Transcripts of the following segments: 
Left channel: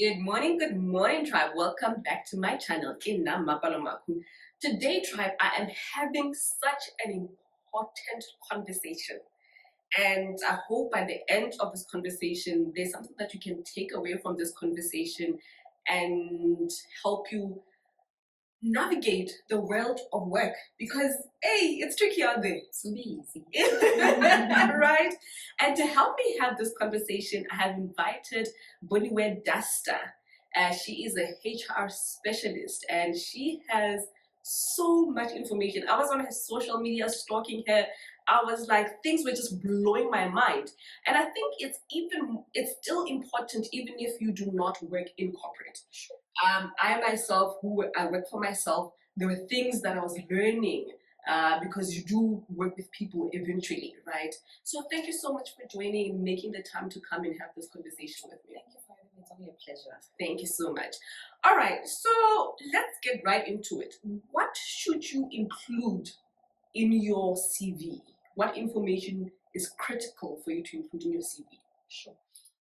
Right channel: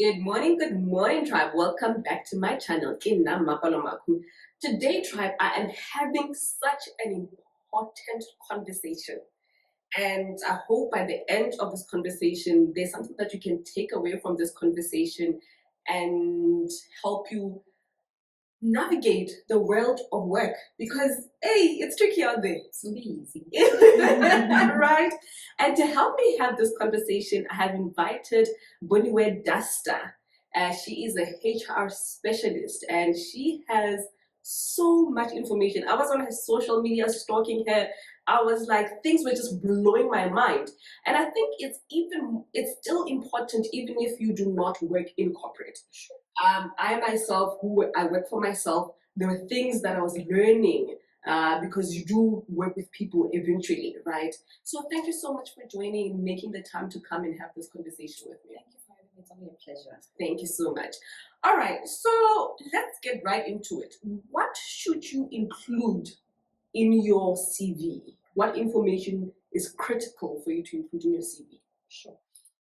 Good morning, tribe. Welcome back to my channel. Today, tribe, I am having such an important conversation. And I hope by the end of this conversation, there's something that you can take away from this conversation and help you navigate the world of work, because hey, it's tricky out there. It's be easy. Right? And to help me have this conversation, I have invited Boniwe Dunster. She is a HR specialist and she has so much information. I was on her social media stalking her. I was like, things were just blowing my mind. And I think it's still important even if you do not work in corporate. I myself, I work for myself, there were things that I was learning because you do work with people eventually, right? So thank you so much for joining and making the time to come and have this conversation with me. Thank you for having me. It's only a pleasure. Thank you so much. All right, so let's get right into it. What should you include in your CV? What information is critical for you to include in your CV? Sure.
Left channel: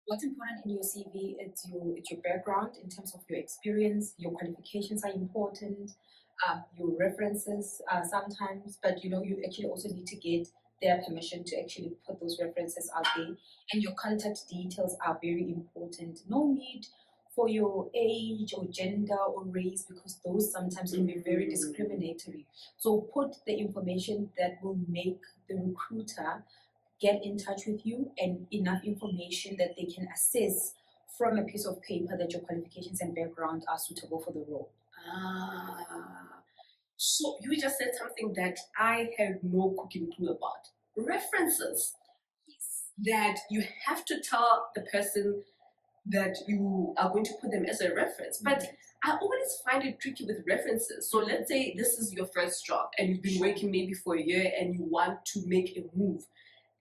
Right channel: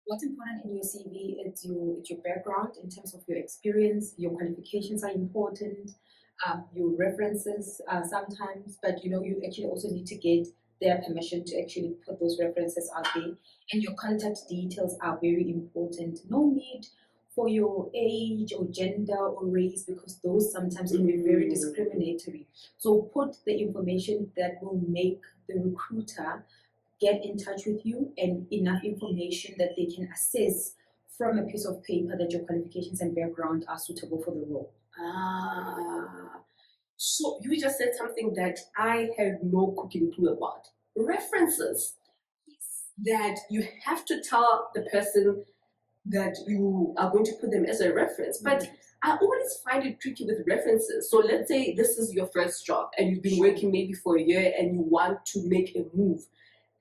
What's important in your CV is your background in terms of your experience. Your qualifications are important. Your references sometimes, but you actually also need to get their permission to actually put those references out there. And your contact details are very important. No need for your age or gender or race, because those sometimes can be very discriminatory. So put the information that will make the recruiter get in touch with you, and enough information that they can assess from a piece of paper that your qualifications and background are suitable for the role. So you just said something that I had no cooking clue about. References. That you have to tell the person that you are going to put them as a reference. But I always find it tricky with references. So let's say this is your first job and you've been working maybe for a year and you want to make a move.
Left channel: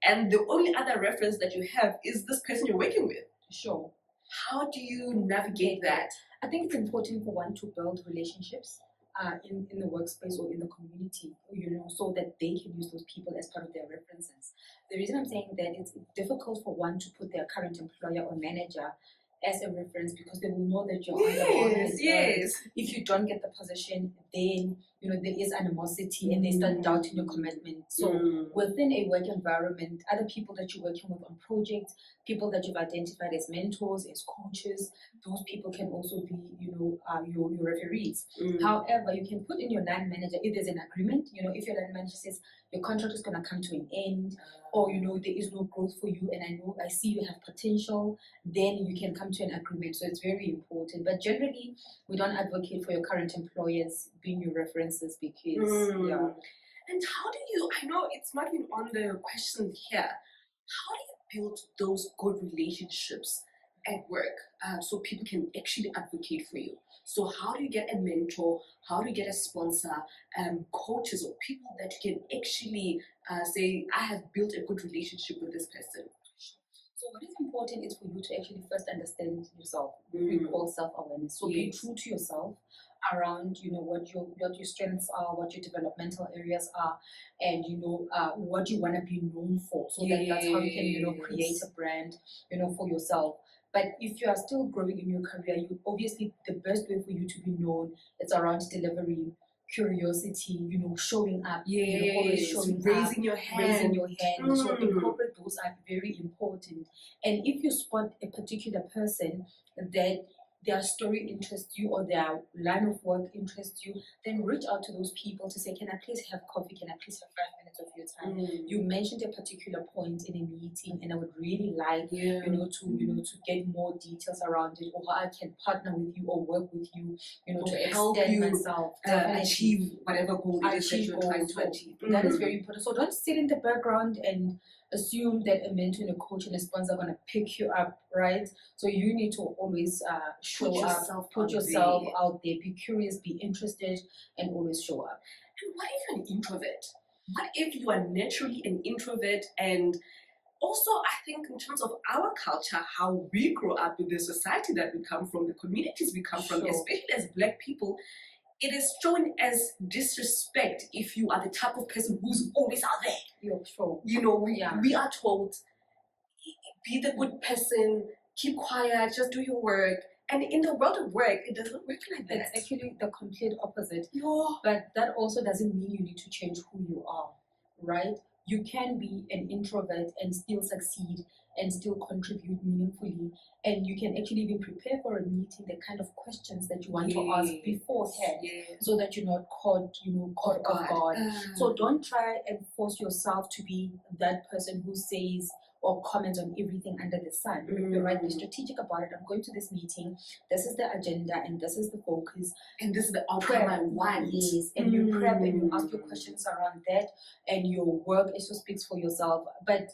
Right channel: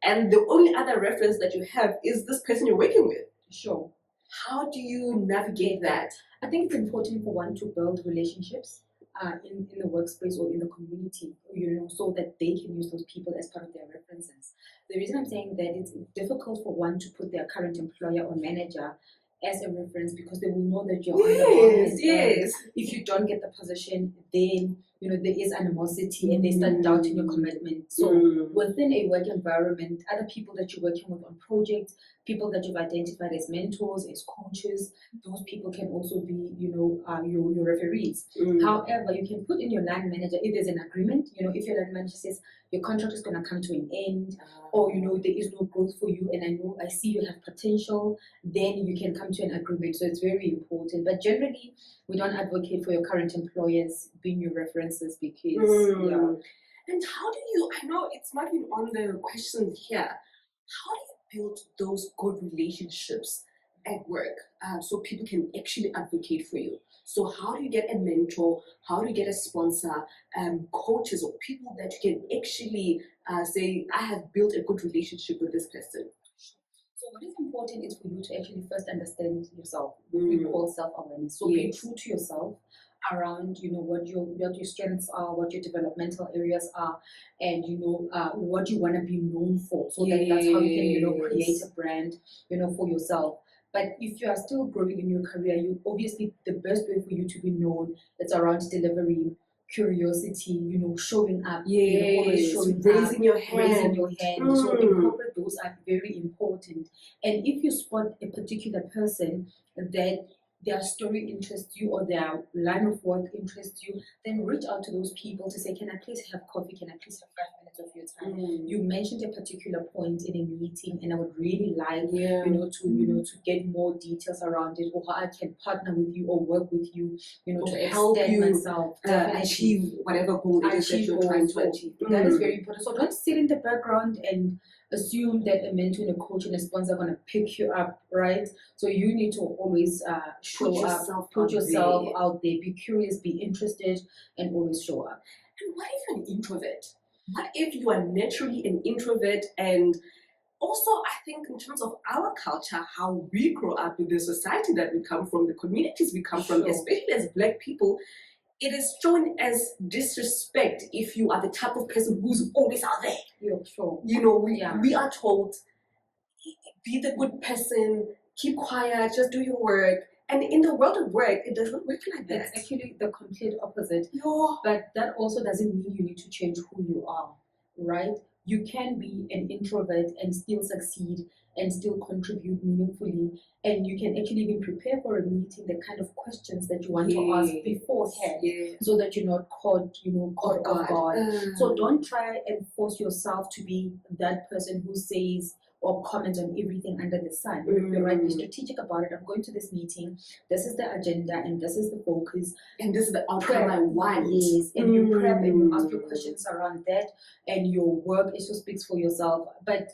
And the only other reference that you have is this person you're working with. Sure. How do you navigate that? I think it's important for one to build relationships in the workspace or in the community, so that they can use those people as part of their references. The reason I'm saying that it's difficult for one to put their current employer or manager as a reference, because they will know that you're on the yes. If you don't get the position, then there is animosity and they start doubting your commitment. So within a work environment, other people that you're working with on projects, people that you've identified as mentors, as coaches, those people can also be, your referees. However, you can put in your line manager if there's an agreement. If your line manager says your contract is going to come to an end, or there is no growth for you, and I see you have potential, then you can come to an agreement. So it's very important. But generally, we don't advocate for your current employers being your references, because And how do you? I know it's not even on the question here. How do you build those good relationships at work so people can actually advocate for you? So how do you get a mentor? How do you get a sponsor, coaches, or people that you can actually say, I have built a good relationship with this person? So what is important is for you to actually first understand yourself. We call self-awareness. So be true to yourself around what your strengths are, what your developmental areas are, and what you want to be known for. So that's how you can create a brand for yourself. But if you are still growing in your career, obviously the best way for you to be known is around delivery, curiosity, showing up, always showing raising up, your hand. So incorporate those are very important. And if you spot a particular person that their story interests you or their line of work interests you, then reach out to those people to say, can I please have coffee? Can I please have 5 minutes of your time? You mentioned a particular point in a meeting, and I would really like to get more details around it, or how I can partner with you or work with you, to help you myself achieve whatever goal it is that you're trying to achieve. That is very important. So don't sit in the background and assume that a mentor and a coach and a sponsor are going to pick you up, right? So you need to always put yourself out there, be curious, be interested, and always show up. And what if you're an introvert? What if you are naturally an introvert? And also, I think in terms of our culture, how we grow up in the society that we come from, the communities we come from, especially as Black people, it is shown as disrespect if you are the type of person who's always out there. Yeah, sure. We are told, be the good person, keep quiet, just do your work. And in the world of work, it doesn't work like that. That's actually the complete opposite. Yo. But that also doesn't mean you need to change who you are, right? You can be an introvert and still succeed and still contribute meaningfully. And you can actually even prepare for a meeting the kind of questions that you want to ask beforehand, so that you're not caught off guard. So don't try and force yourself to be that person who says or comment on everything under the sun. You're right, be strategic about it. I'm going to this meeting, this is the agenda and this is the focus. And this is the outcome I want. Yes, and you prep and you ask your questions around that, and your work also speaks for yourself. But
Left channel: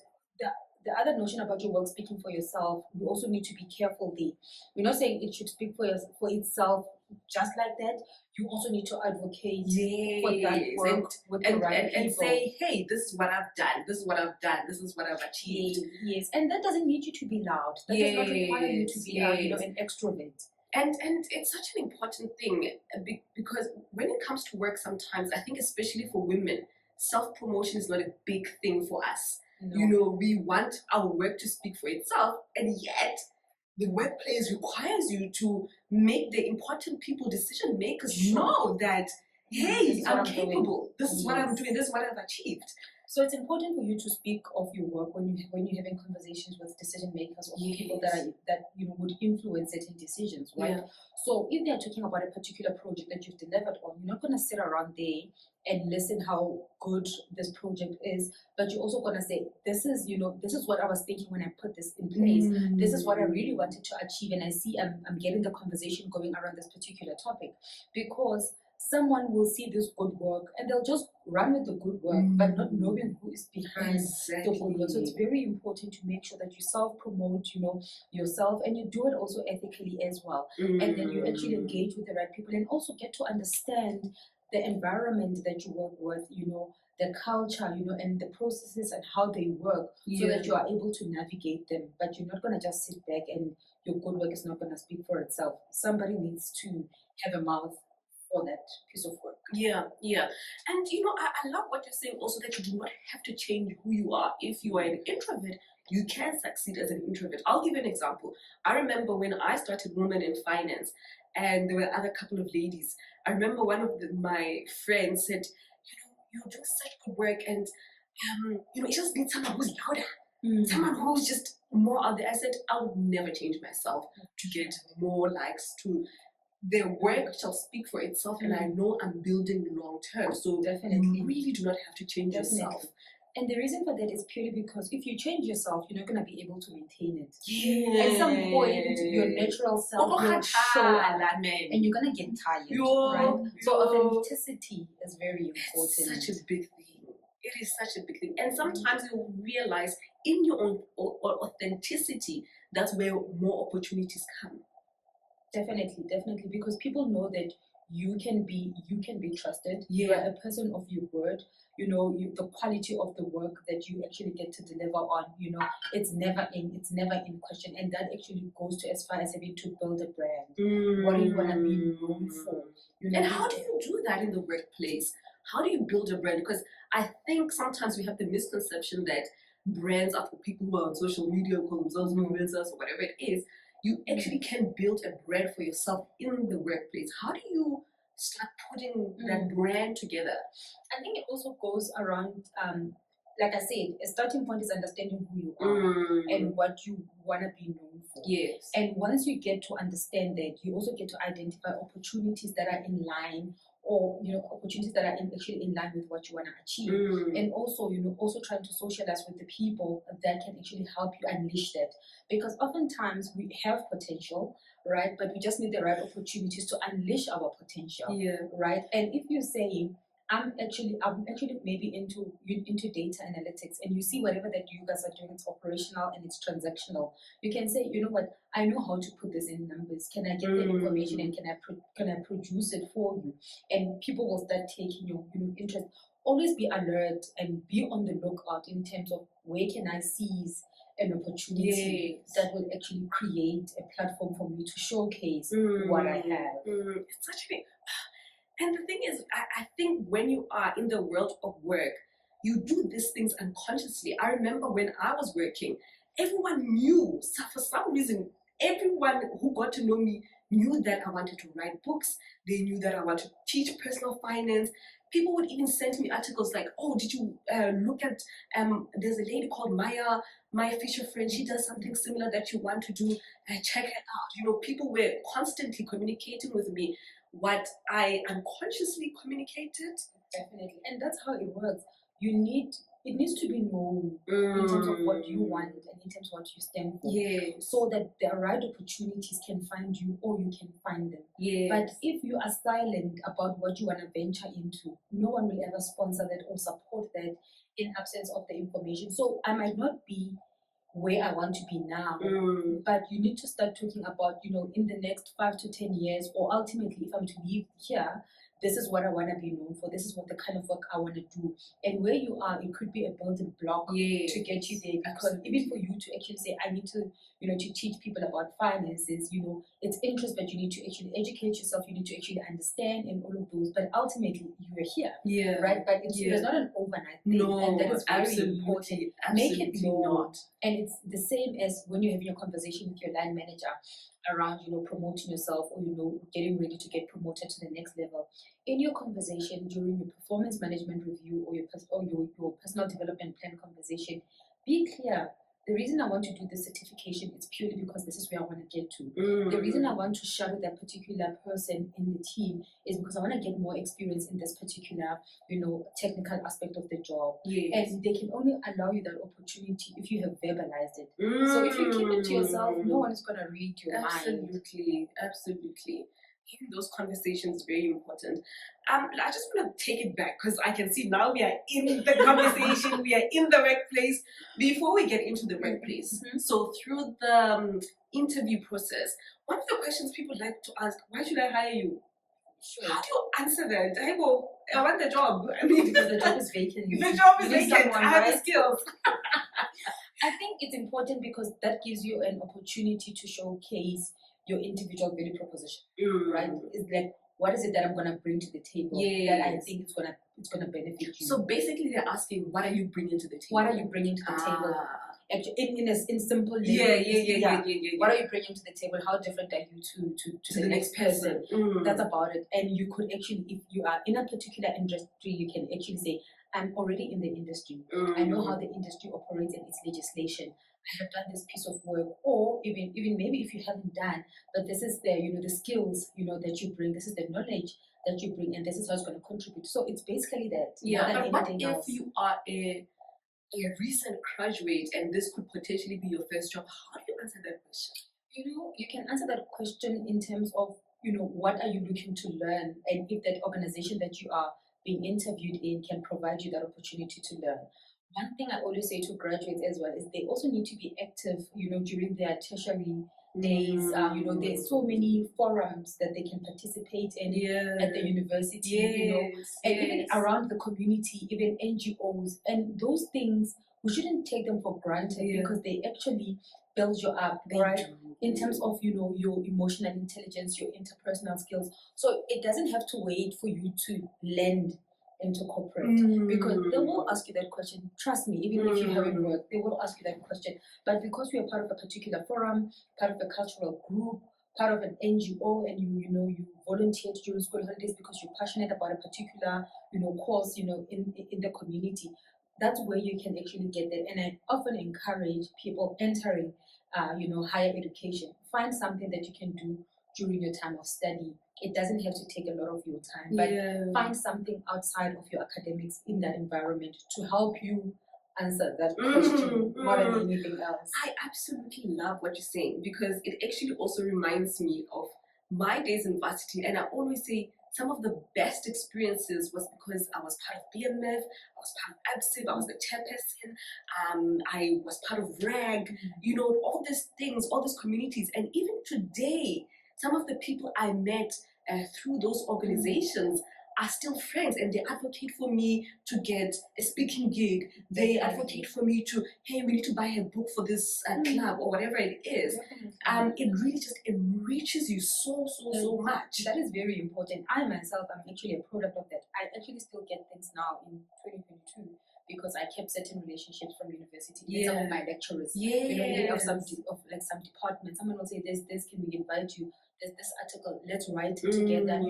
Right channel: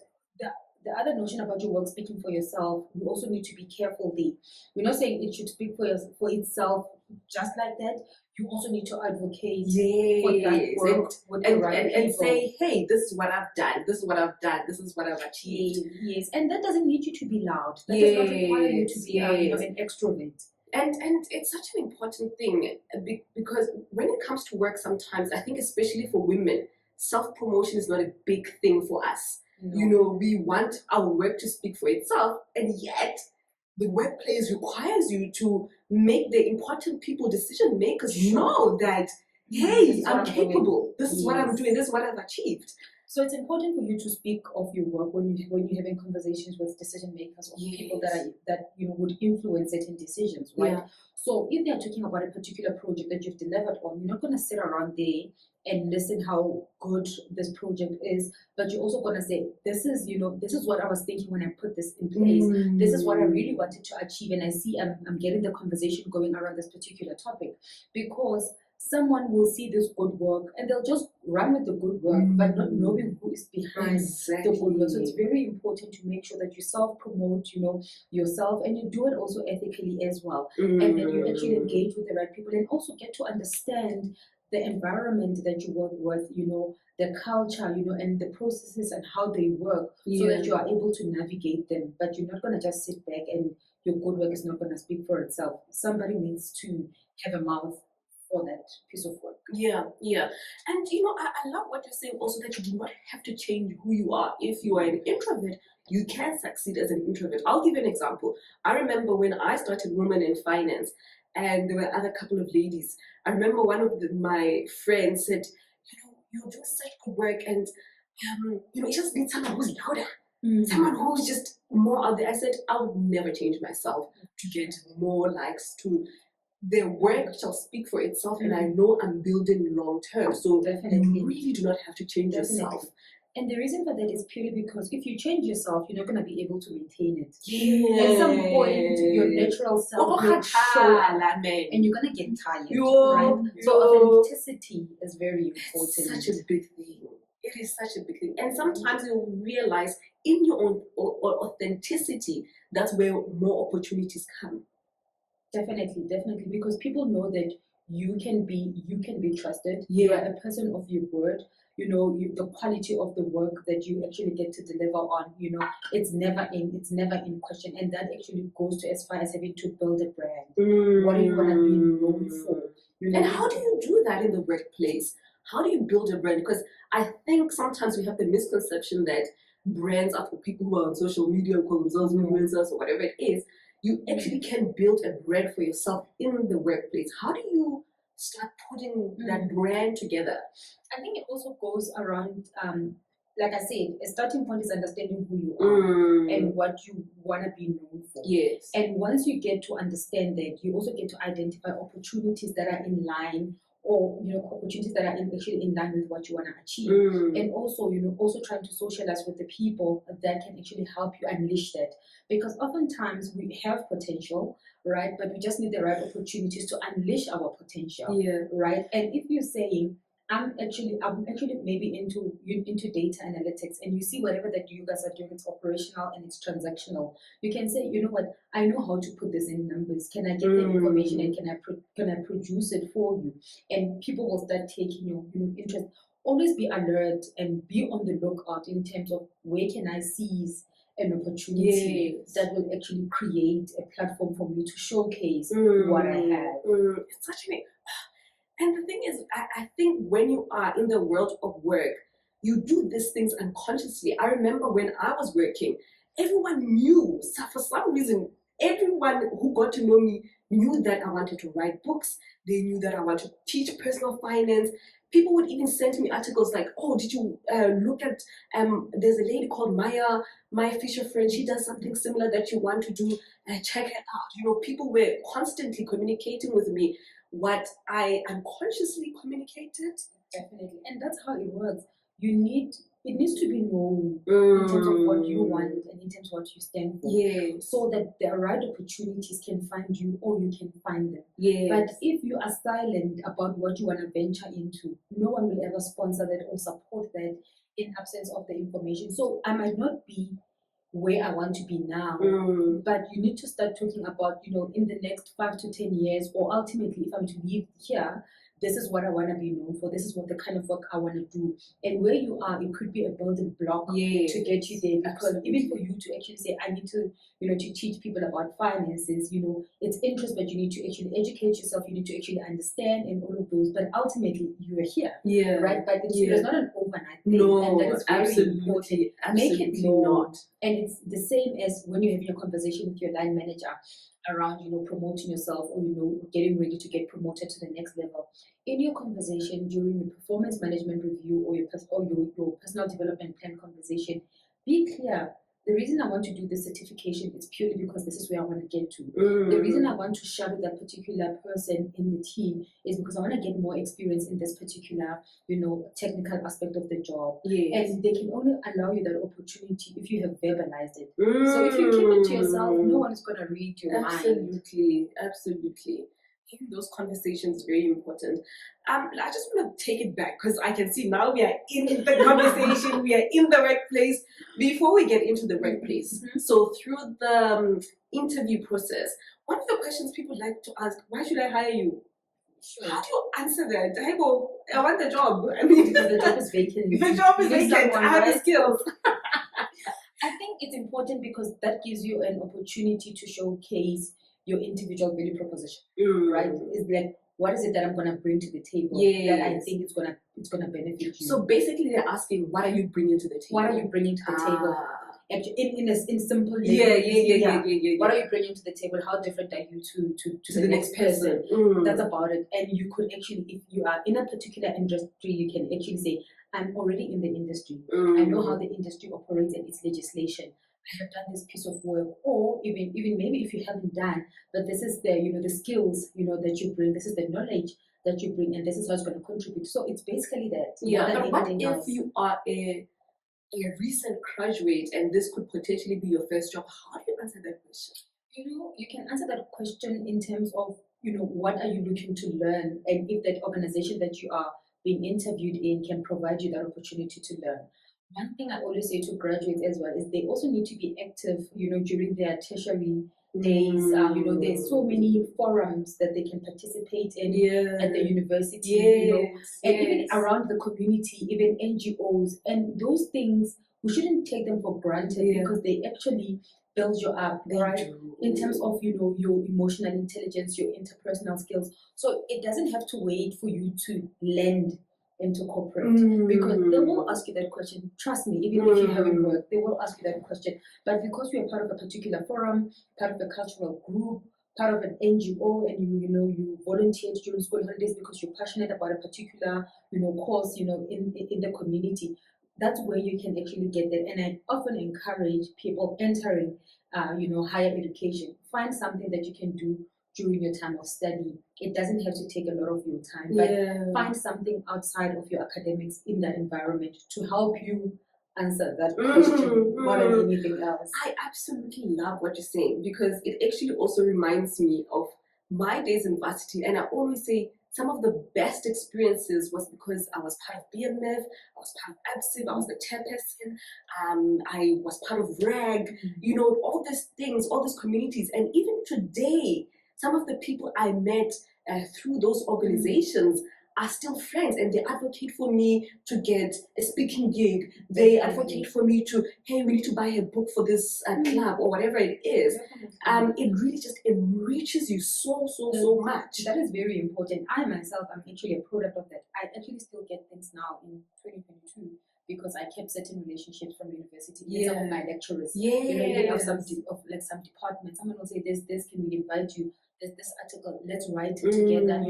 the other notion about your work speaking for yourself, you also need to be careful there. We're not saying it should speak for itself just like that. You also need to advocate for that work with the right people. And say, hey, this is what I've done, this is what I've done, this is what I've achieved. Yes, and that doesn't need you to be loud. That does not require you to be an extrovert. And it's such an important thing, because when it comes to work, sometimes I think, especially for women, self-promotion is not a big thing for us. No. You know, we want our work to speak for itself, and yet the workplace requires you to make the important people, decision makers, know that, hey, I'm capable. This is what I'm doing. This is what I've achieved. So it's important for you to speak of your work when you're having conversations with decision makers or people that would influence certain decisions, right? Yeah. So if they're talking about a particular project that you've delivered on, you're not going to sit around there and listen how good this project is, but you're also going to say, this is what I was thinking when I put this in place. This is what I really wanted to achieve, and I see I'm getting the conversation going around this particular topic, because someone will see this good work and they'll just run with the good work, but not knowing who is behind the good work. So it's very important to make sure that you self-promote, yourself, and you do it also ethically as well. And then you actually engage with the right people and also get to understand the environment that you work with, the culture, and the processes and how they work, so that you are able to navigate them. But you're not going to just sit back and your good work is not going to speak for itself. Somebody needs to have a mouth for that piece of work. Yeah. And I love what you're saying also, that you do not have to change who you are. If you are an introvert, you can succeed as an introvert. I'll give you an example. I remember when I started Women in Finance, and there were other couple of ladies. I remember one of my friends said, you're doing such good work, and you just need someone who's louder. Someone who's just more out there. I said, I would never change myself to get more likes. The work shall speak for itself, and I know I'm building long term. So you really do not have to change yourself. And the reason for that is purely because if you change yourself, you're not going to be able to maintain it. At some point, your natural self will show up, and you're going to get tired. Right? So authenticity is very important. It's such a big thing. It is such a big thing. And sometimes you'll realize in your own authenticity, that's where more opportunities come. Definitely, because people know that you can be trusted. Yeah. You are a person of your word. The quality of the work that you actually get to deliver on, it's never in question. And that actually goes to as far as having to build a brand. What are you going to be known for? And how do you do that in the workplace? How do you build a brand? Because I think sometimes we have the misconception that brands are for people who are on social media, call themselves influencers or whatever it is. You actually can build a brand for yourself in the workplace. How do you start putting that brand together? I think it also goes around, like I said, a starting point is understanding who you are and what you want to be known for. Yes. And once you get to understand that, you also get to identify opportunities that are in line, or opportunities that are actually in line with what you want to achieve. And also also trying to socialize with the people that can actually help you unleash that, because oftentimes we have potential, right, but we just need the right opportunities to unleash our potential. Right. And if you're saying, I'm actually maybe into data analytics, and you see whatever that you guys are doing, it's operational and it's transactional. You can say, you know what, I know how to put this in numbers. Can I get the information, and can I produce it for you? And people will start taking your interest. Always be alert and be on the lookout in terms of where can I seize an opportunity that will actually create a platform for me to showcase what I have. It's such an And the thing is, I think when you are in the world of work, you do these things unconsciously. I remember when I was working, everyone knew. So for some reason, everyone who got to know me knew that I wanted to write books. They knew that I wanted to teach personal finance. People would even send me articles like, "Oh, did you look at? There's a lady called Maya Fisher Friend. She does something similar that you want to do. Check it out." You know, people were constantly communicating with me what I unconsciously communicated. Definitely, and that's how it works. It needs to be known in terms of what you want and in terms of what you stand for. Yes. So that the right opportunities can find you or you can find them. Yes. But if you are silent about what you want to venture into, no one will ever sponsor that or support that in absence of the information. So I might not be where I want to be now, but you need to start talking about, in the next 5 to 10 years, or ultimately, if I'm to leave here, this is what I want to be known for. This is what the kind of work I want to do. And where you are, it could be a building block to get you there. Because even for you to actually say, I need to, to teach people about finances, it's interest, but you need to actually educate yourself. You need to actually understand and all of those. But ultimately, you are here. Yeah. Right? But it's not an overnight thing. No, and that is very absolutely important. Absolutely Make it known. not. And it's the same as when you have your conversation with your line manager around, promoting yourself or, getting ready to get promoted to the next level. In your conversation during your performance management review or your personal development plan conversation, be clear. The reason I want to do this certification is purely because this is where I want to get to. The reason I want to shadow that particular person in the team is because I want to get more experience in this particular, technical aspect of the job. Yes. And they can only allow you that opportunity if you have verbalized it. So if you keep it to yourself, no one is going to read your mind. Absolutely. Having those conversations is very important. I just want to take it back because I can see now we are in the conversation, we are in the workplace. Before we get into the workplace, so through the interview process, one of the questions people like to ask, why should I hire you? Sure. How do you answer that? I go, I want the job. I mean, the job is vacant. The job is vacant. I have the skills. I think it's important because that gives you an opportunity to showcase your individual value proposition, right? It's like, what is it that I'm gonna bring to the table that I think it's gonna benefit you? So basically, they're asking, what are you bringing to the table? What are you bringing to the table? Actually, in simple What are you bringing to the table? How different are you to the next person? That's about it. And you could actually, if you are in a particular industry, you can actually say, I'm already in the industry. I know how the industry operates and its legislation. I have done this piece of work, or even maybe if you haven't done, but this is the the skills that you bring. This is the knowledge that you bring, and this is how it's going to contribute. So it's basically that. Yeah, but what if you are a recent graduate and this could potentially be your first job? How do you answer that question? You can answer that question in terms of what are you looking to learn, and if that organization that you are being interviewed in can provide you that opportunity to learn. One thing I always say to graduates as well is they also need to be active, during their tertiary days. There's so many forums that they can participate in at the university, and even around the community, even NGOs, and those things we shouldn't take them for granted because they actually build you up, right? In terms of your emotional intelligence, your interpersonal skills. So it doesn't have to wait for you to land into corporate because they will ask you that question. Trust me, even if you haven't worked, they will ask you that question. But because you are part of a particular forum, part of a cultural group, part of an NGO, and you volunteered during school holidays because you're passionate about a particular cause in the community, that's where you can actually get that. And I often encourage people entering higher education, find something that you can do during your time of study. It doesn't have to take a lot of your time, but find something outside of your academics in that environment to help you answer that question more than anything else. I absolutely love what you're saying because it actually also reminds me of my days in varsity, and I always say some of the best experiences was because I was part of BMF, I was part of ABSIB, I was the chairperson, I was part of RAG, all these things, all these communities, and even today, some of the people I met through those organizations are still friends, and they advocate for me to get a speaking gig. They advocate for me to, hey, we need to buy a book for this club or whatever it is. It really just enriches you so much. That is very important. I myself am actually a product of that. I actually still get things now in 2022 because I kept certain relationships from university. Yeah. Some of my lecturers, Yes. even of some departments. Someone will say, "This can we invite you? There's this article. Let's write it together."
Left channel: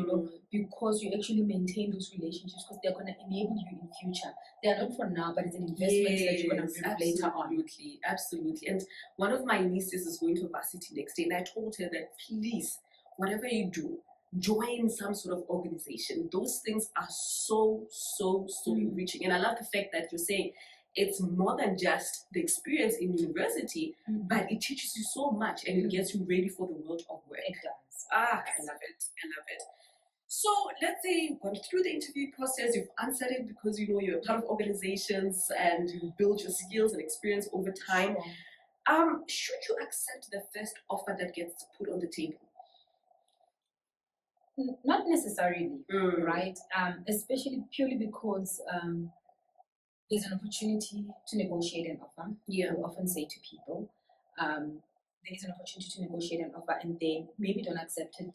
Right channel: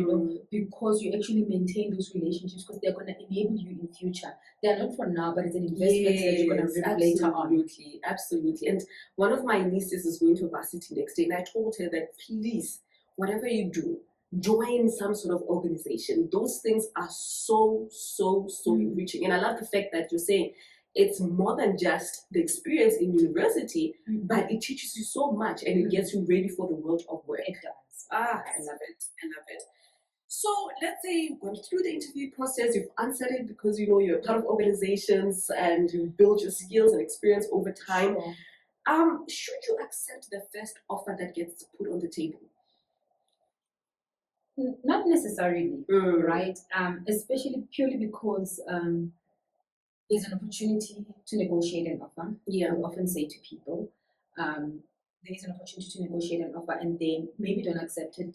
Because you actually maintain those relationships because they're going to enable you in future. They are not for now, but it's an investment that you're going to reap later on. Absolutely. And one of my nieces is going to varsity next day, and I told her that please, whatever you do, join some sort of organization. Those things are so enriching. And I love the fact that you're saying it's more than just the experience in university, but it teaches you so much and it gets you ready for the world of work. It does. I love it. So let's say you've gone through the interview process, you've answered it because you know you're part of organizations and you build your skills and experience over time. Sure. Should you accept the first offer that gets put on the table? Not necessarily, right? Especially purely because there's an opportunity to negotiate an offer. Yeah. I often say to people, there is an opportunity to negotiate an offer and then maybe don't accept it.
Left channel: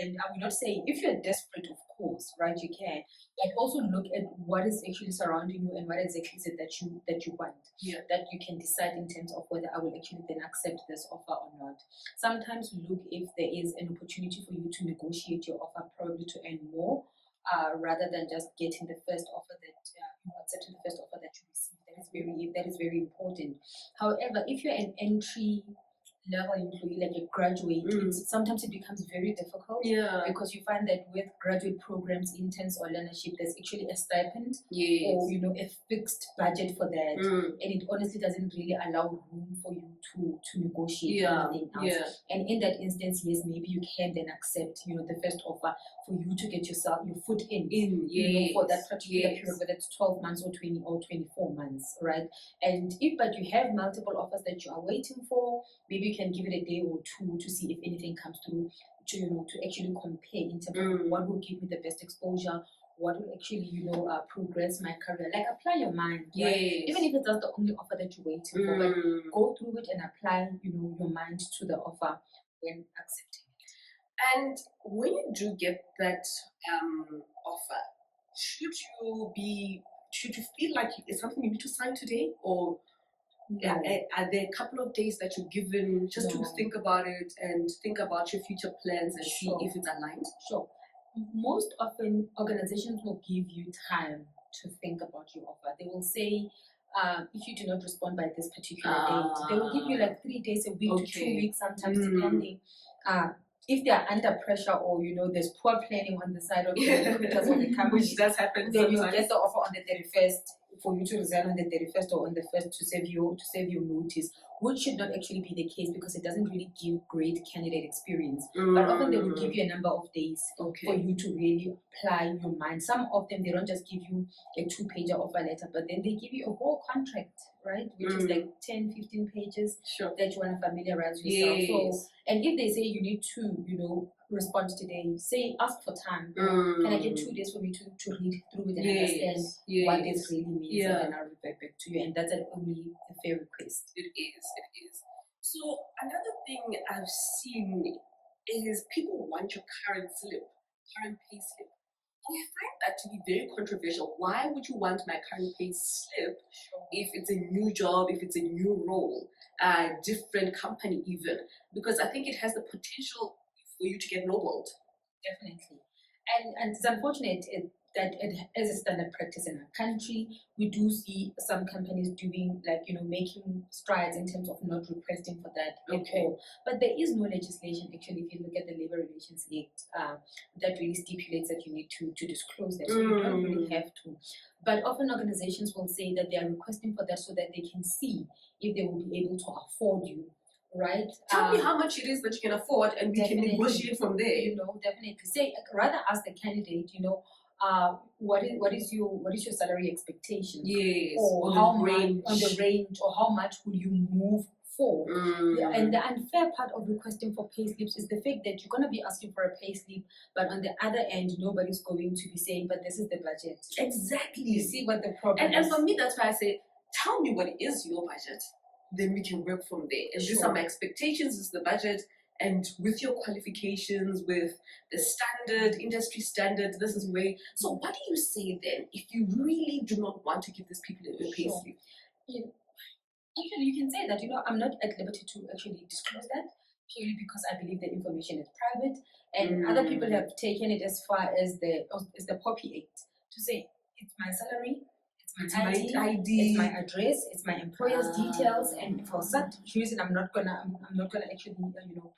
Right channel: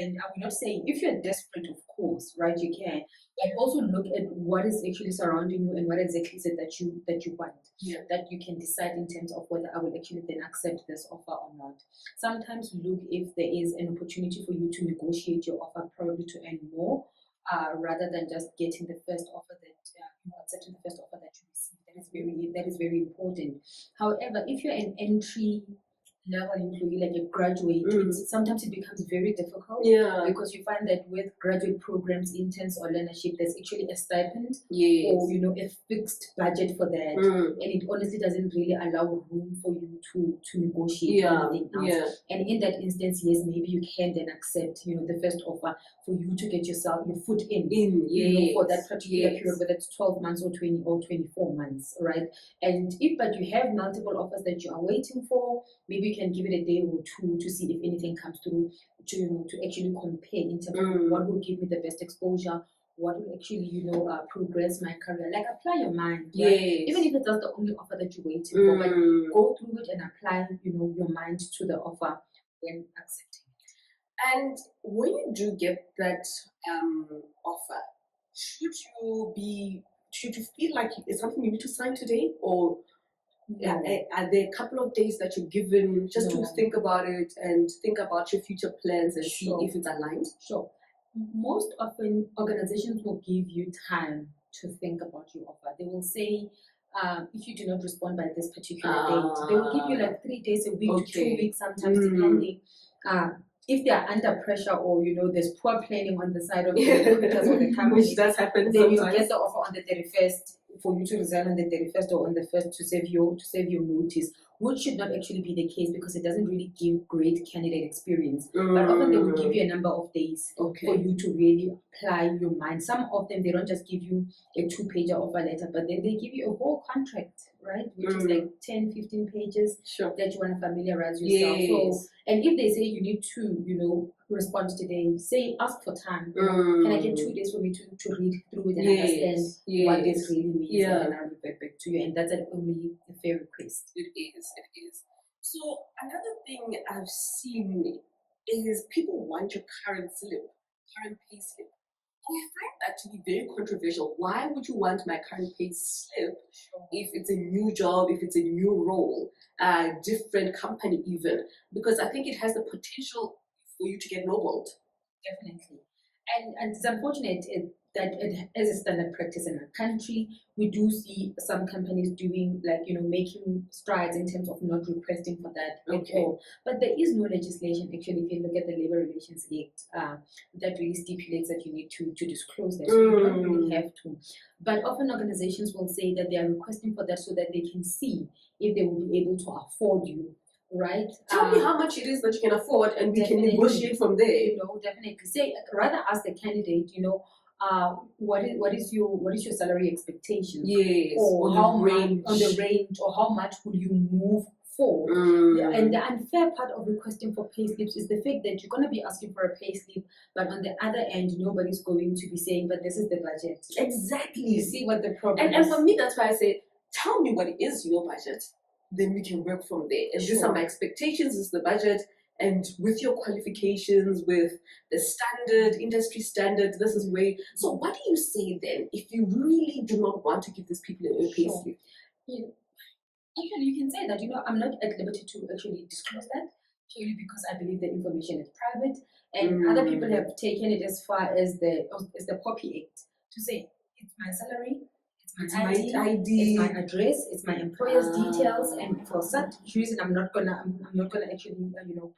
And I'm not saying if you're desperate, of course, right, you can, but also look at what is actually surrounding you and what exactly is it that you want. Yeah. That you can decide in terms of whether I will actually then accept this offer or not. Sometimes look if there is an opportunity for you to negotiate your offer, probably to earn more, rather than just getting the first offer that accepting the first offer that you receive. That is very important. However, if you're an entry level employee, like a graduate, sometimes it becomes very difficult. Yeah. Because you find that with graduate programs, interns or learnership, there's actually a stipend or a fixed budget for that, and it honestly doesn't really allow room for you to negotiate anything else. And in that instance, yes, maybe you can then accept the first offer for you to get your foot in for that particular period, whether it's 12 months or 20 or 24 months, right? And but you have multiple offers that you are waiting for, maybe you can give it a day or two to see if anything comes through to actually compare in terms of what will give me the best exposure, what will actually progress my career. Like apply your mind, right? Even if it's not the only offer that you're waiting for, but go through it and apply your mind to the offer when accepting. And when you do get that offer, should you feel like it's something you need to sign today, or are there a couple of days that you're given just to think about it and think about your future plans and see if it's aligned? Sure. Most often, organizations will give you time to think about your offer. They will say, if you do not respond by this particular date, they will give you like 3 days, a week to 2 weeks, sometimes depending. If they are under pressure or there's poor planning on the side of the recruiters or the company, which does happen then sometimes. you get the offer on the 31st for you to resign on the 31st or on the 1st to save your notice, which should not actually be the case because it doesn't really give great candidate experience. But often they will give you a number of days for you to really apply your mind. Some of them, they don't just give you a 2-pager offer letter, but then they give you a whole contract, right? Which is like 10, 15 pages that you want to familiarize yourself. So, and if they say you need to, respond today, ask for time. Can I get 2 days for me to read through it and understand what this really means, and then I'll revert back to you. And that's only a fair request. It is. So another thing I've seen is people want your current payslip. I find that to be very controversial. Why would you want my current payslip if it's a new job, if it's a new role, a different company even? Because I think it has the potential for you to get lowballed. Definitely. And it's unfortunate that it is a standard practice in our country. We do see some companies doing making strides in terms of not requesting for that at all. But there is no legislation actually. If you look at the Labor Relations Act, that really stipulates that you need to disclose that. So you don't really have to. But often organizations will say that they are requesting for that so that they can see if they will be able to afford you. Right. Tell me how much it is that you can afford, and we can negotiate from there. Definitely. Say rather ask the candidate, what is your salary expectation? Yes. Or how much on the range, or how much will you move for? And the unfair part of requesting for payslips is the fact that you're going to be asking for a payslip, but on the other end, nobody's going to be saying, but this is the budget. Exactly. You see what the problem is. And for me, that's why I say, tell me what is your budget. Then we can work from there. And these are my expectations, this is the budget, and with your qualifications, with the standard, industry standard, this is where. So, what do you say then if you really do not want to give these people a payslip? Actually, you can say that, I'm not at liberty to actually disclose that purely because I believe the information is private, and other people have taken it as far as the Poppy Act to say it's my salary, it's my ID, it's my address, it's my employer's details, and for such reason, I'm not gonna actually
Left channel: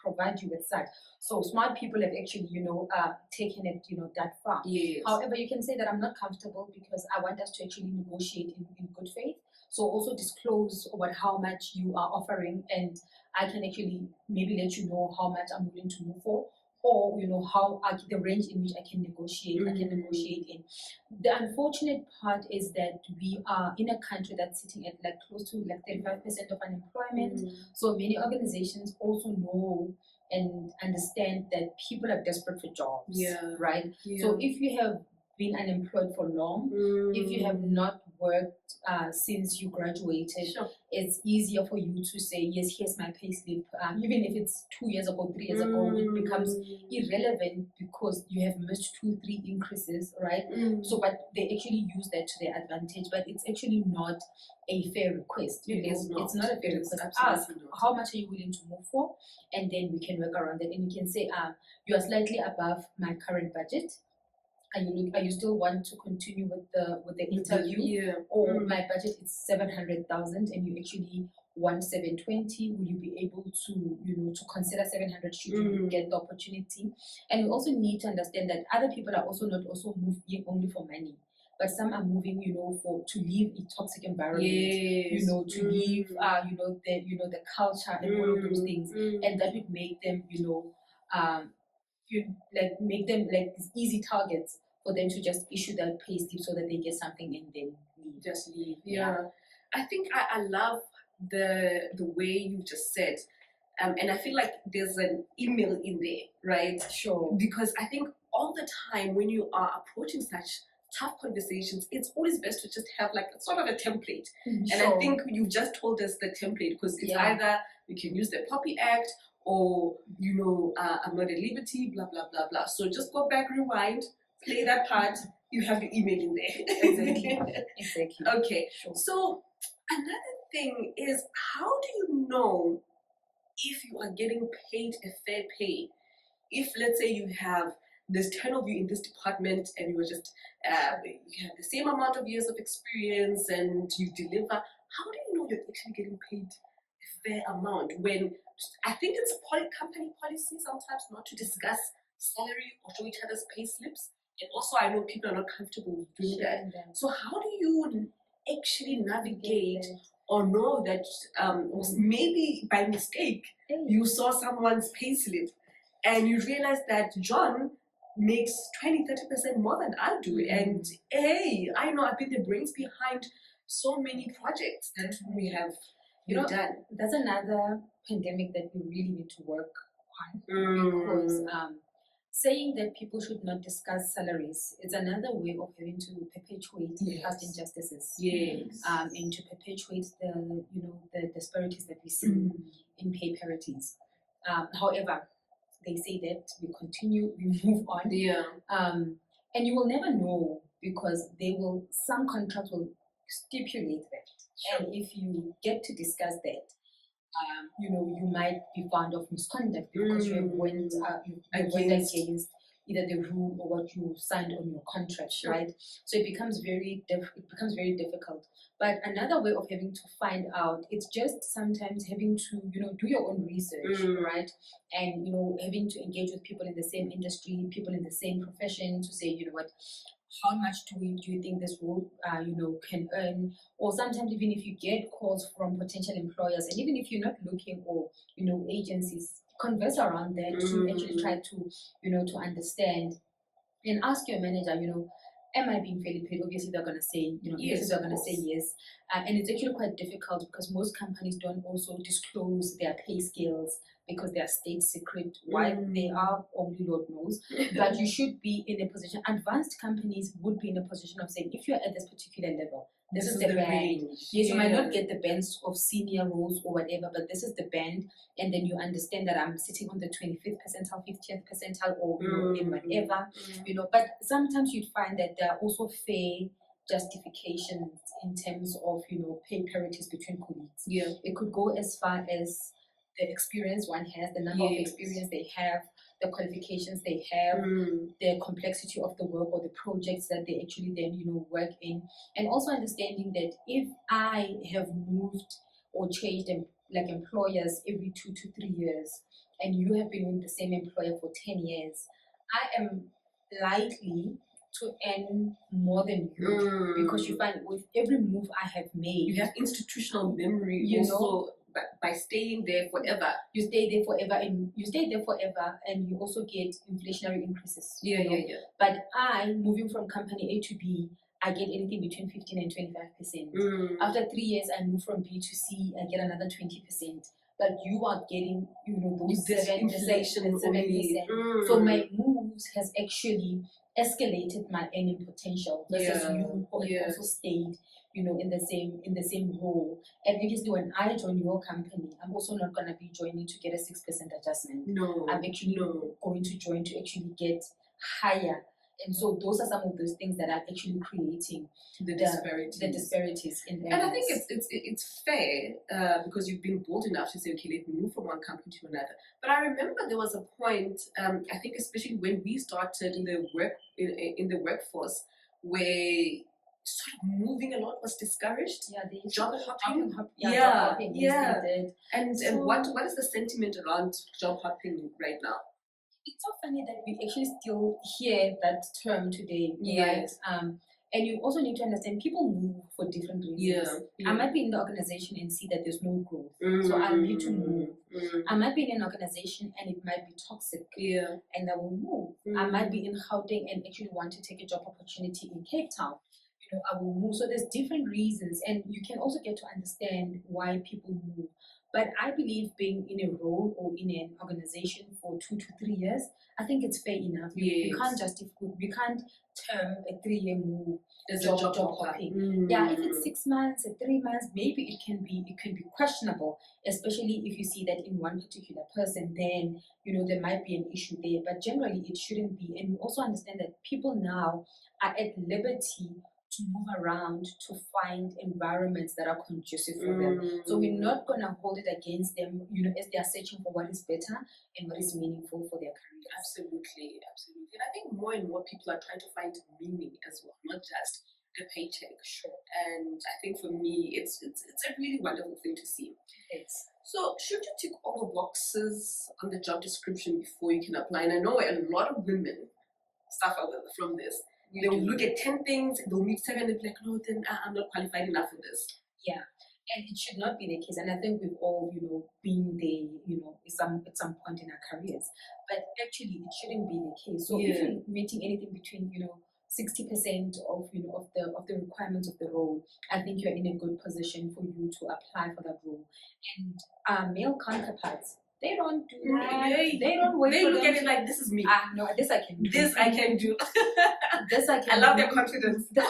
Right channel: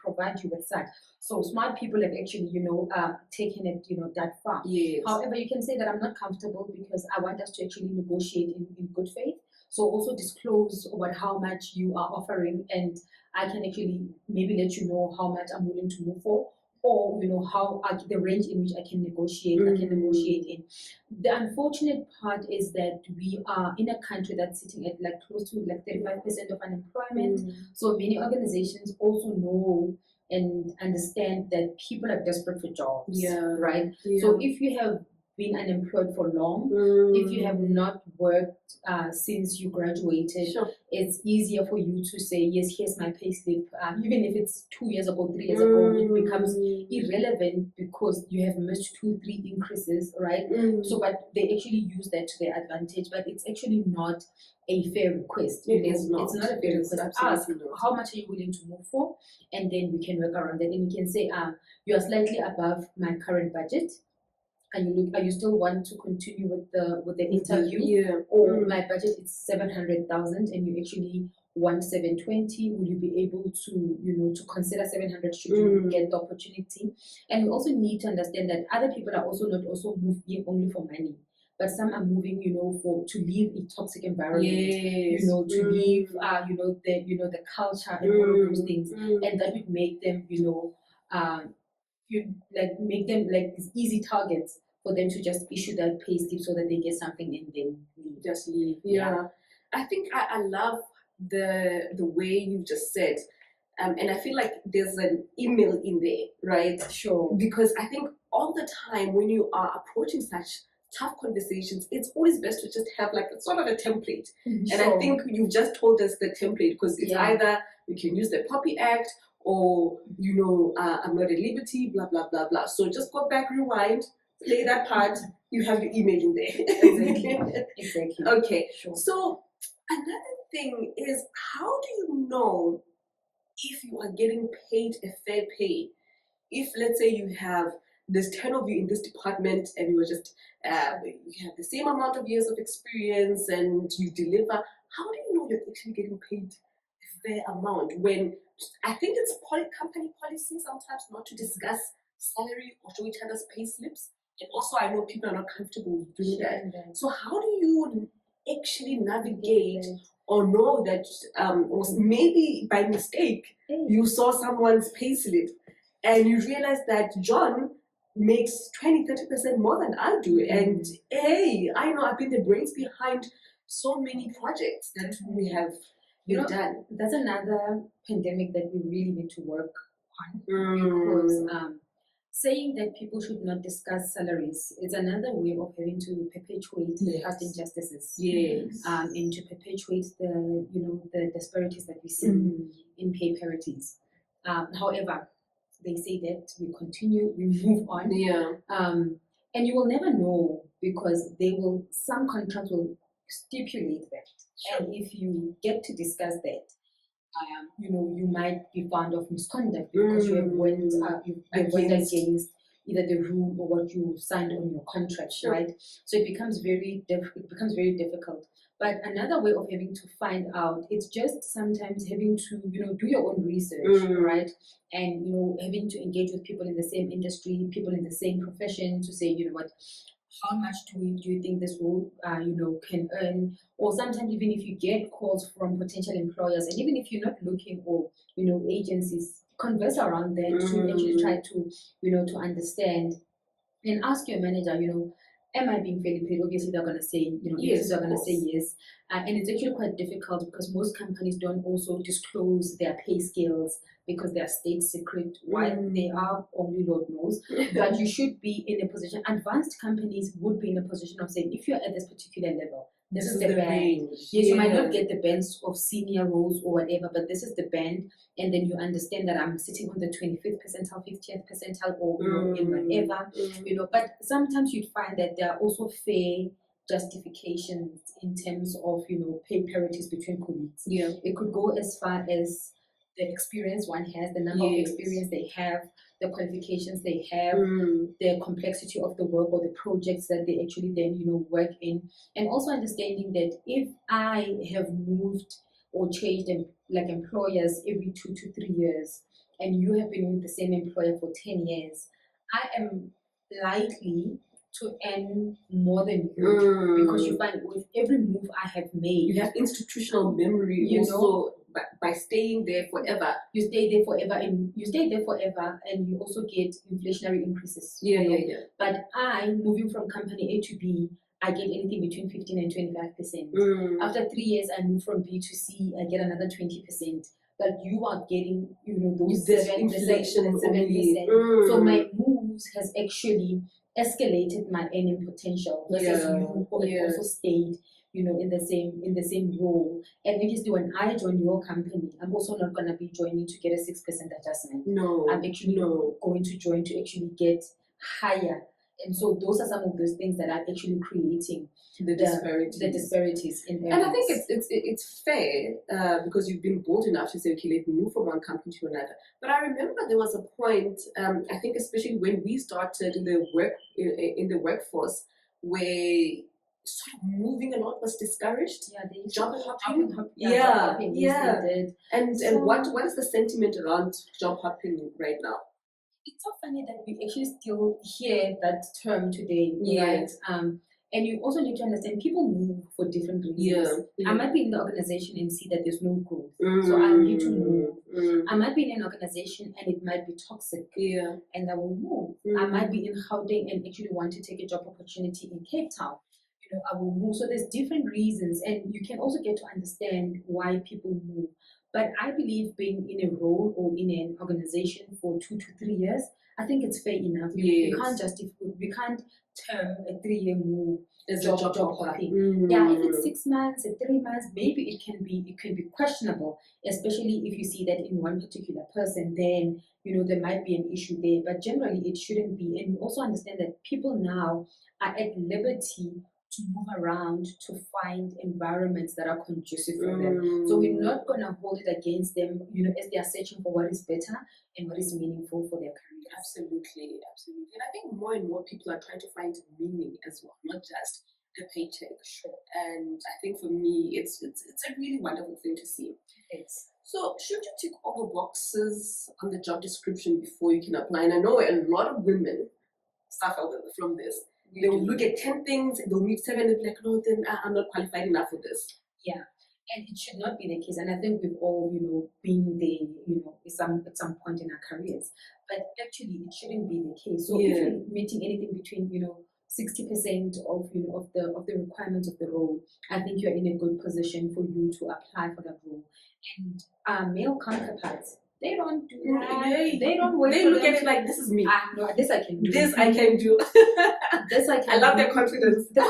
provide you with that. So smart people have actually taken it that far. Yes. However, you can say that I'm not comfortable because I want us to actually negotiate in good faith. So also disclose about how much you are offering, and I can actually maybe let you know how much I'm willing to move for, or how the range in which I can negotiate. I can negotiate in. The unfortunate part is that we are in a country that's sitting at like close to like 35% of unemployment. So many organizations also know and understand that people are desperate for jobs. Yeah. Right. Yeah. So if you have been unemployed for long, if you have not worked since you graduated, Sure. it's easier for you to say, yes, here's my payslip. Even if it's 2 years ago, 3 years ago, it becomes irrelevant because you have missed 2-3 increases, right? So, but they actually use that to their advantage, but it's actually not a fair request. It's not a fair request. Ask, not. how much are you willing to move for? And then we can work around that. And you can say, you are slightly above my current budget. And you still want to continue with the interview? Yeah. Or my budget is 700,000 and you actually want 720. Will you be able to consider 700 should you get the opportunity? And we also need to understand that other people are also not also moving only for money, but some are moving to leave a toxic environment. Yes. To leave the culture and all of those things, and that would make them make them like easy targets for them to just issue that pay slip so that they get something and then leave. Just leave. Yeah. I think I love the way you just said. And I feel like there's an email in there, right? Sure. Because I think all the time when you are approaching such tough conversations, it's always best to just have like sort of a template. And I think you've just told us the template, because it's either you can use the Poppy Act or, I'm not at liberty, blah, blah, blah, blah. So just go back, rewind, play that part, you have your email in there. Exactly. Okay. Sure. So another thing is, how do you know if you are getting paid a fair pay? If, let's say, you have there's 10 of you in this department and you are just you have the same amount of years of experience and you deliver, how do you know you're actually getting paid a fair amount? When I think it's company policy sometimes not to discuss salary or show each other's pay slips, and also I know people are not comfortable doing that. So how do you actually navigate or know that maybe by mistake you saw someone's pay slip and you realize that John makes 20-30% more than I do, and hey, I know I've been the brains behind so many projects that we have done. That's another pandemic that we really need to work on, because saying that people should not discuss salaries is another way of having to perpetuate past injustices. Yes. And to perpetuate the disparities that we see in pay parities. However, they say that we continue, we move on. Yeah. And you will never know, because some contracts will stipulate that. Sure. And if you get to discuss that, you might be found of misconduct because you have went against either the rule or what you signed on your contract, right? So it becomes very difficult. But another way of having to find out, it's just sometimes having to do your own research, right? And having to engage with people in the same industry, people in the same profession, to say, how much do you think this role can earn? Or sometimes even if you get calls from potential employers, and even if you're not looking for agencies, converse around that to actually try to to understand, and ask your manager, am I being fairly paid? Obviously they're going to say yes, they're going to say yes. And it's actually quite difficult because most companies don't also disclose their pay scales because they are state secret. Why they are, only Lord knows. But you should be in a position, advanced companies would be in a position of saying, if you're at this particular level, This is the the band. range. Yes, you might not get the bands of senior roles or whatever, but this is the band, and then you understand that I'm sitting on the 25th percentile, 50th percentile, or in whatever, But sometimes you'd find that there are also fair justifications in terms of pay parities between colleagues. Yeah. It could go as far as the experience one has, the number of experience they have, the qualifications they have, the complexity of the work or the projects that they actually then work in, and also understanding that if I have moved or changed like employers every 2 to 3 years, and you have been with the same employer for 10 years, I am likely to earn more than you because you find with every move I have made, you have institutional memory also. By staying there forever, you stay there forever, and you also get inflationary increases. But I, moving from company A to B, I get anything between 15 and 25%. After 3 years, I move from B to C, I get another 20%. But you are getting, those inflation 7%. So my moves has actually escalated my earning potential versus you who also stayed, in the same role. And obviously, when I join your company, I'm also not going to be joining to get a 6% adjustment. No, I'm actually going to join to actually get higher. And so those are some of those things that are actually creating the disparities in earnings. And I think it's fair because you've been bold enough to say, okay, let me move from one company to another. But I remember there was a point, I think especially when we started in the workforce, where sort of moving a lot was discouraged. Job hopping. And what is the sentiment around job hopping right now? It's so funny that we actually still hear that term today, right? And you also need to understand people move for different reasons. I might be in the organization and see that there's no growth, so I need to move. I might be in an organization and it might be toxic, and I will move. I might be in Gauteng and actually want to take a job opportunity in Cape Town. I will move. So there's different reasons, and you can also get to understand why people move. But I believe being in a role or in an organization for 2 to 3 years, I think it's fair enough. You can't term a 3-year move as a job hopping. If it's 6 months, 3 months, maybe it can be questionable, especially if you see that in one particular person, then there might be an issue there. But generally, it shouldn't be. And you also understand that people now are at liberty to move around to find environments that are conducive for them. So we're not going to hold it against them, as they are searching for what is better and what is meaningful for their career. Absolutely. And I think more and more people are trying to find meaning as well, not just the paycheck. And I think for me, it's a really wonderful thing to see. Yes. So should you tick all the boxes on the job description before you can apply? And I know a lot of women suffer from this. They will look at 10 things, they'll meet 7 and be like, no, then I'm not qualified enough for this. And it should not be the case. And I think we've all, been there, at some point in our careers. But actually, it shouldn't be the case. So if you're meeting anything between, 60% of the requirements of the role, I think you're in a good position for you to apply for that role. And our male counterparts, they don't do that. They don't wait. They look at it like, this is me. No, this I can do. This I can do. This I can. I love their confidence. The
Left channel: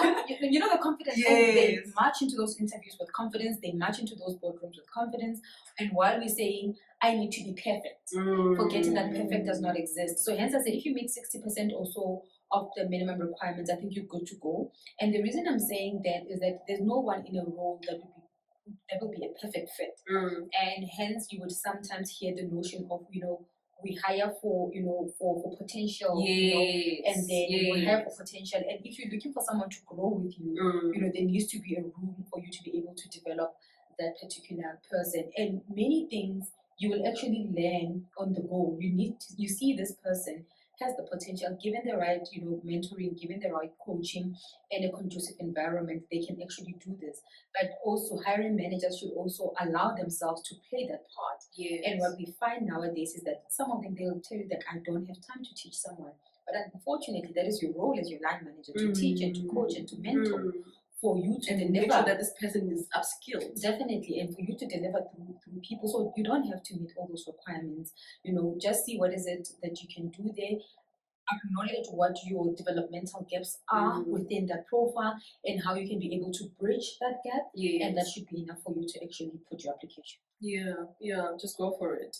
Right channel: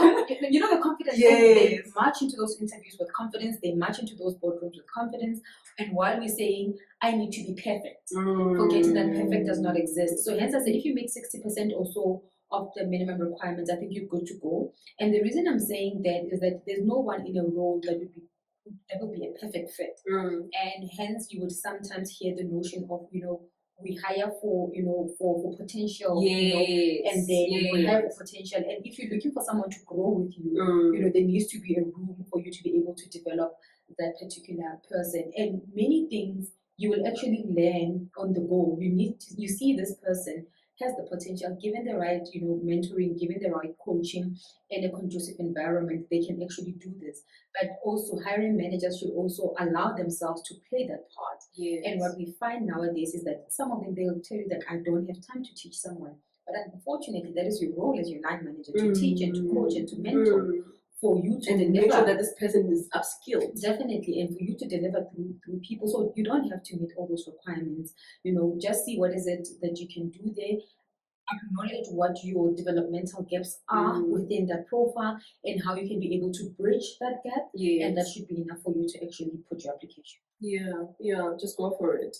confidence. Yes. They march into those interviews with confidence. They march into those boardrooms with confidence. And while we're saying, I need to be perfect, forgetting that perfect does not exist. So hence I said, if you meet 60% or so of the minimum requirements, I think you're good to go. And the reason I'm saying that is that there's no one in a role that would be a perfect fit. And hence you would sometimes hear the notion of, we hire for potential, and then you have potential. And if you're looking for someone to grow with you, there needs to be a room for you to be able to develop that particular person. And many things you will actually learn on the go. You see this person has the potential, given the right, mentoring, given the right coaching and a conducive environment, they can actually do this. But also hiring managers should also allow themselves to play that part. And what we find nowadays is that some of them, they'll tell you that I don't have time to teach someone. But unfortunately, that is your role as your line manager, to teach and to coach and to mentor. For you to deliver, make sure that this person is upskilled. Definitely, and for you to deliver through people. So you don't have to meet all those requirements. Just see what is it that you can do there. acknowledge what your developmental gaps are within that profile and how you can be able to bridge that gap. And that should be enough for you to actually put your application. Yeah, just go for it.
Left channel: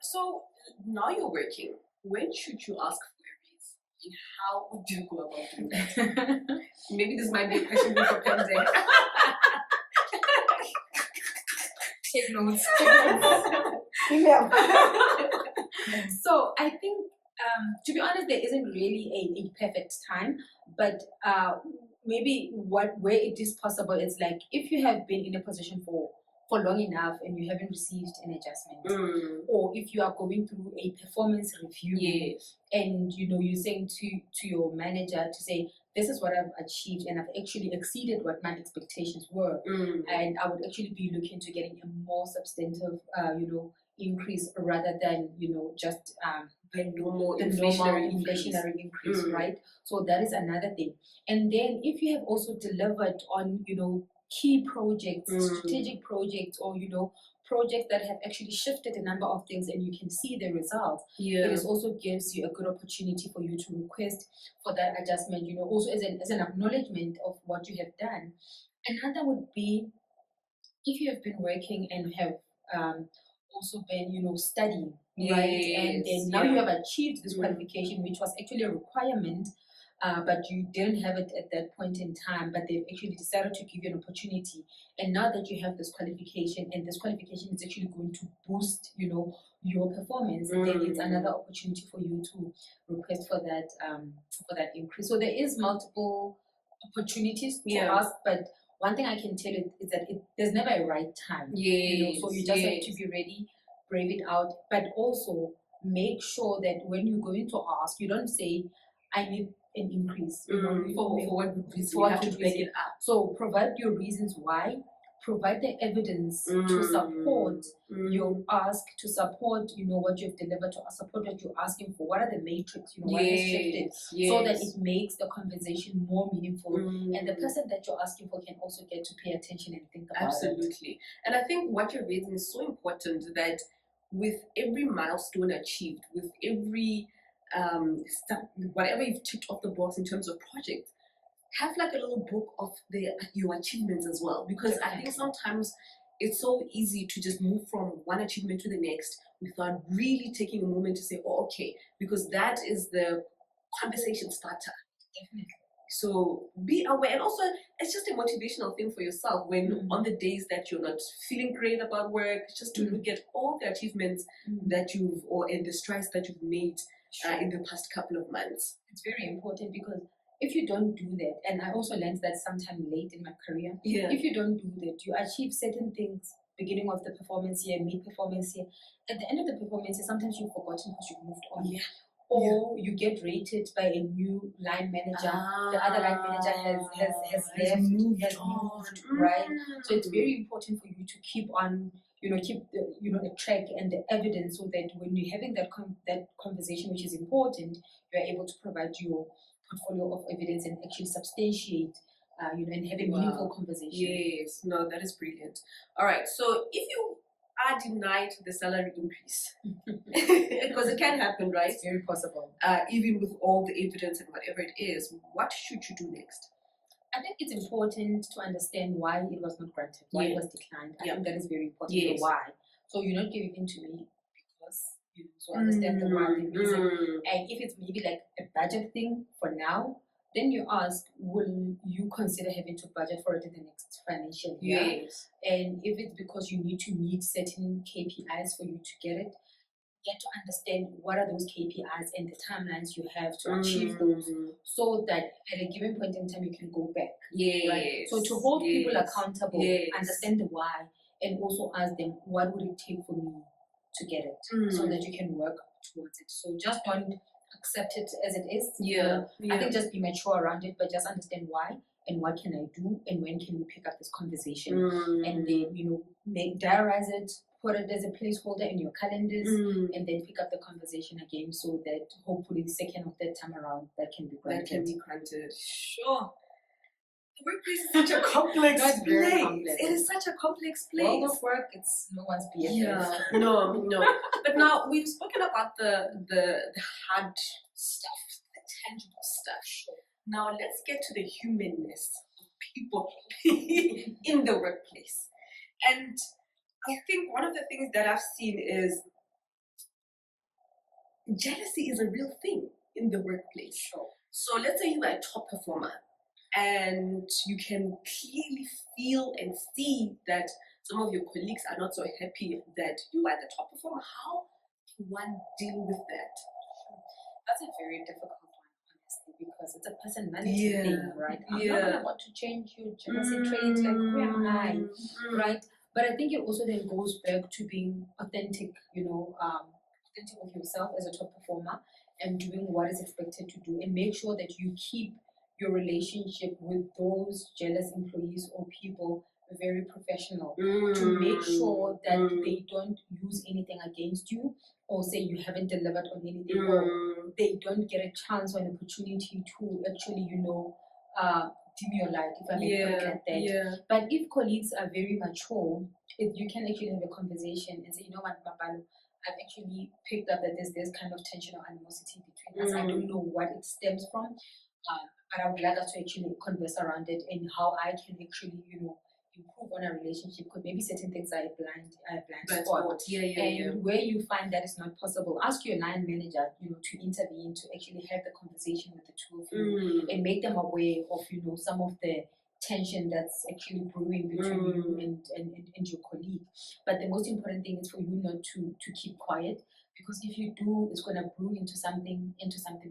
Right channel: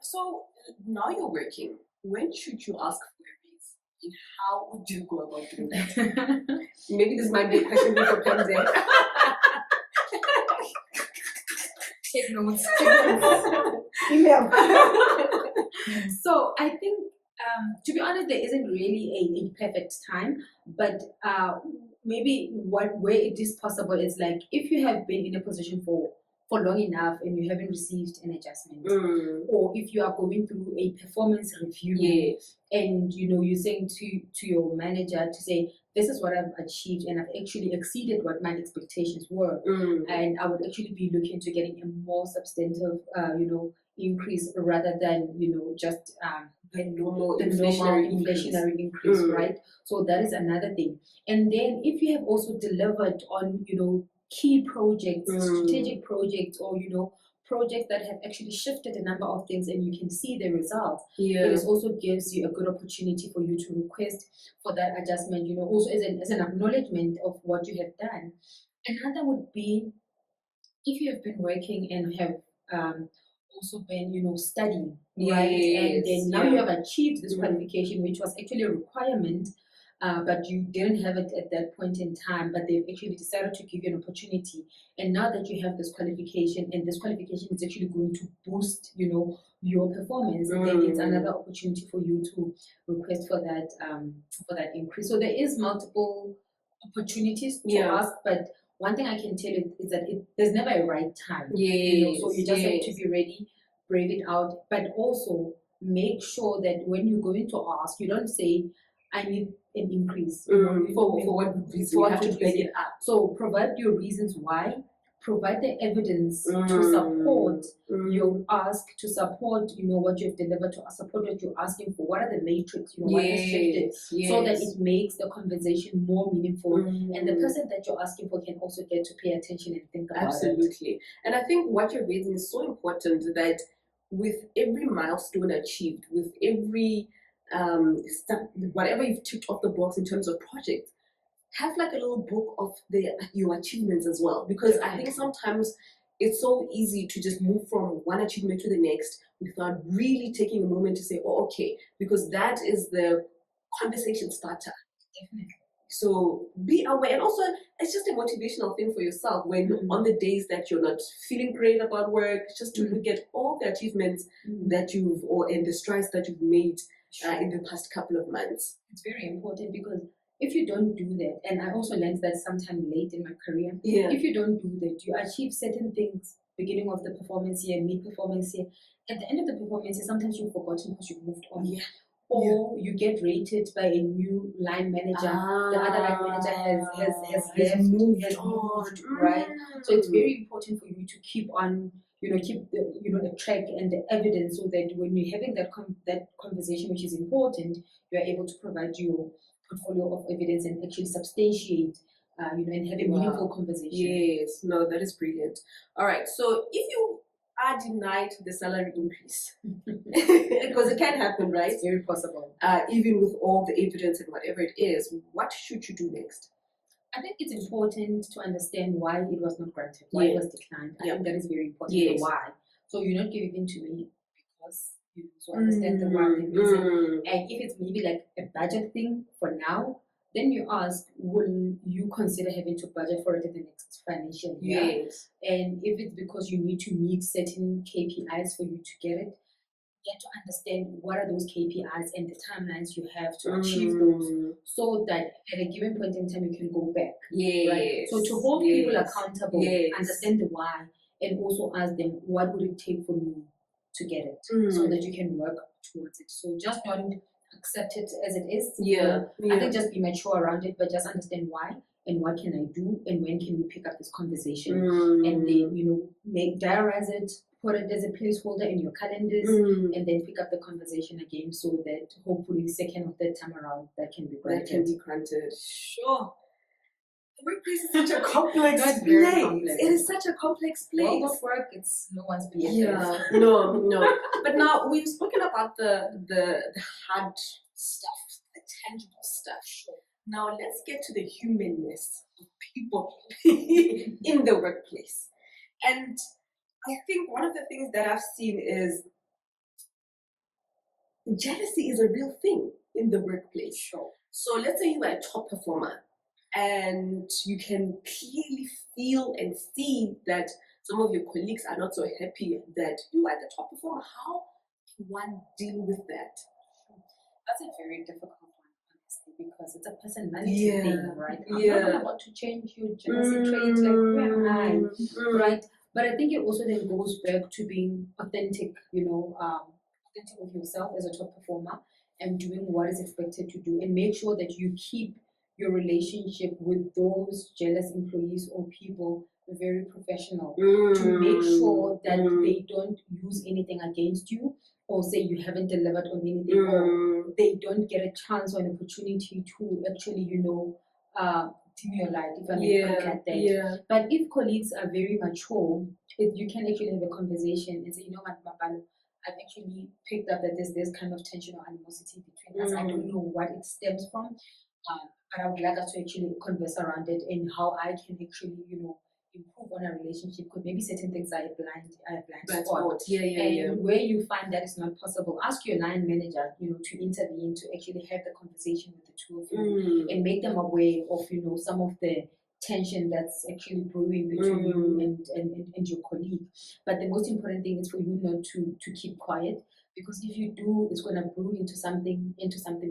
So now you're working. When should you ask for a raise? And how would you go about doing that? Maybe this might be a question for Pemze. Take notes. Email. So I think, to be honest, there isn't really a perfect time, but maybe where it is possible is like if you have been in a position for long enough and you haven't received an adjustment, or if you are going through a performance review, and you're saying to your manager to say, this is what I've achieved and I've actually exceeded what my expectations were, and I would actually be looking to getting a more substantive increase rather than just the normal inflationary increase, right? So that is another thing. And then if you have also delivered on key projects, strategic projects, or projects that have actually shifted a number of things and you can see the results, it also gives you a good opportunity for you to request for that adjustment, also as an acknowledgement of what you have done. Another would be if you have been working and have also been studying, right? And then now you have achieved this qualification, which was actually a requirement, but you didn't have it at that point in time, but they've actually decided to give you an opportunity. And now that you have this qualification, and this qualification is actually going to boost your performance, then it's another opportunity for you to request for that increase. So there is multiple opportunities to ask, but one thing I can tell you is that there's never a right time. So you just have to be ready, brave it out, but also make sure that when you're going to ask, you don't say, I need an increase. For what reason? You have to back it up. So provide your reasons why. Provide the evidence to support your ask, to support what you've delivered, to support what you're asking for. What are the matrix? What has shifted, so that it makes the conversation more meaningful, and the person that you're asking for can also get to pay attention and think about it. Absolutely. And I think what you're raising is so important, that with every milestone achieved, with every step, whatever you've ticked off the box in terms of projects, have like a little book of your achievements as well, because I think sometimes it's so easy to just move from one achievement to the next without really taking a moment to say, oh, okay, because that is the conversation starter. Definitely. So be aware, and also it's just a motivational thing for yourself when on the days that you're not feeling great about work, just to look at all the achievements that and the strides that you've made in the past couple of months. It's very important, because if you don't do that, and I also learned that sometime late in my career, if you don't do that, you achieve certain things beginning of the performance year, mid-performance year. At the end of the performance year, sometimes you've forgotten because you've moved on. Or you get rated by a new line manager. The other line manager has moved on, right? So it's very important for you to keep on, keep the track and the evidence, so that when you're having that conversation, which is important, you're able to provide your portfolio of evidence and actually substantiate, and have a meaningful conversation. Yes, no, that is brilliant. All right, so if you are denied the salary increase, because it can happen, right? It's very possible. Even with all the evidence and whatever it is, what should you do next? I think it's important to understand why it was not granted, why it was declined. I think that is very important. The why. So you're not giving in to me because so understand the why, the reason. And if it's maybe like a budget thing for now, then you ask, will you consider having to budget for it in the next financial year? Yes. And if it's because you need to meet certain KPIs for you to get it, get to understand what are those KPIs and the timelines you have to achieve those, so that at a given point in time you can go back. Right? So to hold people accountable, understand the why, and also ask them, what would it take for me to get it, so that you can work towards it. So just don't accept it as it is. I think just be mature around it, but just understand why and what can I do and when can we pick up this conversation, and then diarize it, put it as a placeholder in your calendars, and then pick up the conversation again, so that hopefully second or third time around that can be granted. Sure. The workplace is such a complex place. It is such a complex place. World of work, it's no one's BFF. No. But now we've spoken about the hard stuff, the tangible stuff. Now let's get to the humanness of people in the workplace. And I think one of the things that I've seen is jealousy is a real thing in the workplace. So let's say you are a top performer and you can clearly feel and see that some of your colleagues are not so happy that you are the top performer. How can one deal with that? That's a very difficult one, honestly, because it's a personality thing, right? I'm not about to change your jealousy trait, like who am I, right? But I think it also then goes back to being authentic, authentic with yourself as a top performer and doing what is expected to do, and make sure that you keep your relationship with those jealous employees or people very professional, to make sure that they don't use anything against you or say you haven't delivered on anything, or they don't get a chance or an opportunity to actually, dim your light, if I may put it like that. But if colleagues are very mature, you can actually have a conversation and say, you know what, Mapalo, I've actually picked up that there's this kind of tension or animosity between us. I don't know what it stems from, but I would like us to actually converse around it and how I can actually, improve on our relationship, because maybe certain things are a blind spot. And where you find that is not possible, ask your line manager, to intervene, to actually have the conversation with the two of you and make them aware of, some of the tension that's actually brewing between you and your colleague. But the most important thing is for you not to keep quiet, because if you do, it's going to brew into something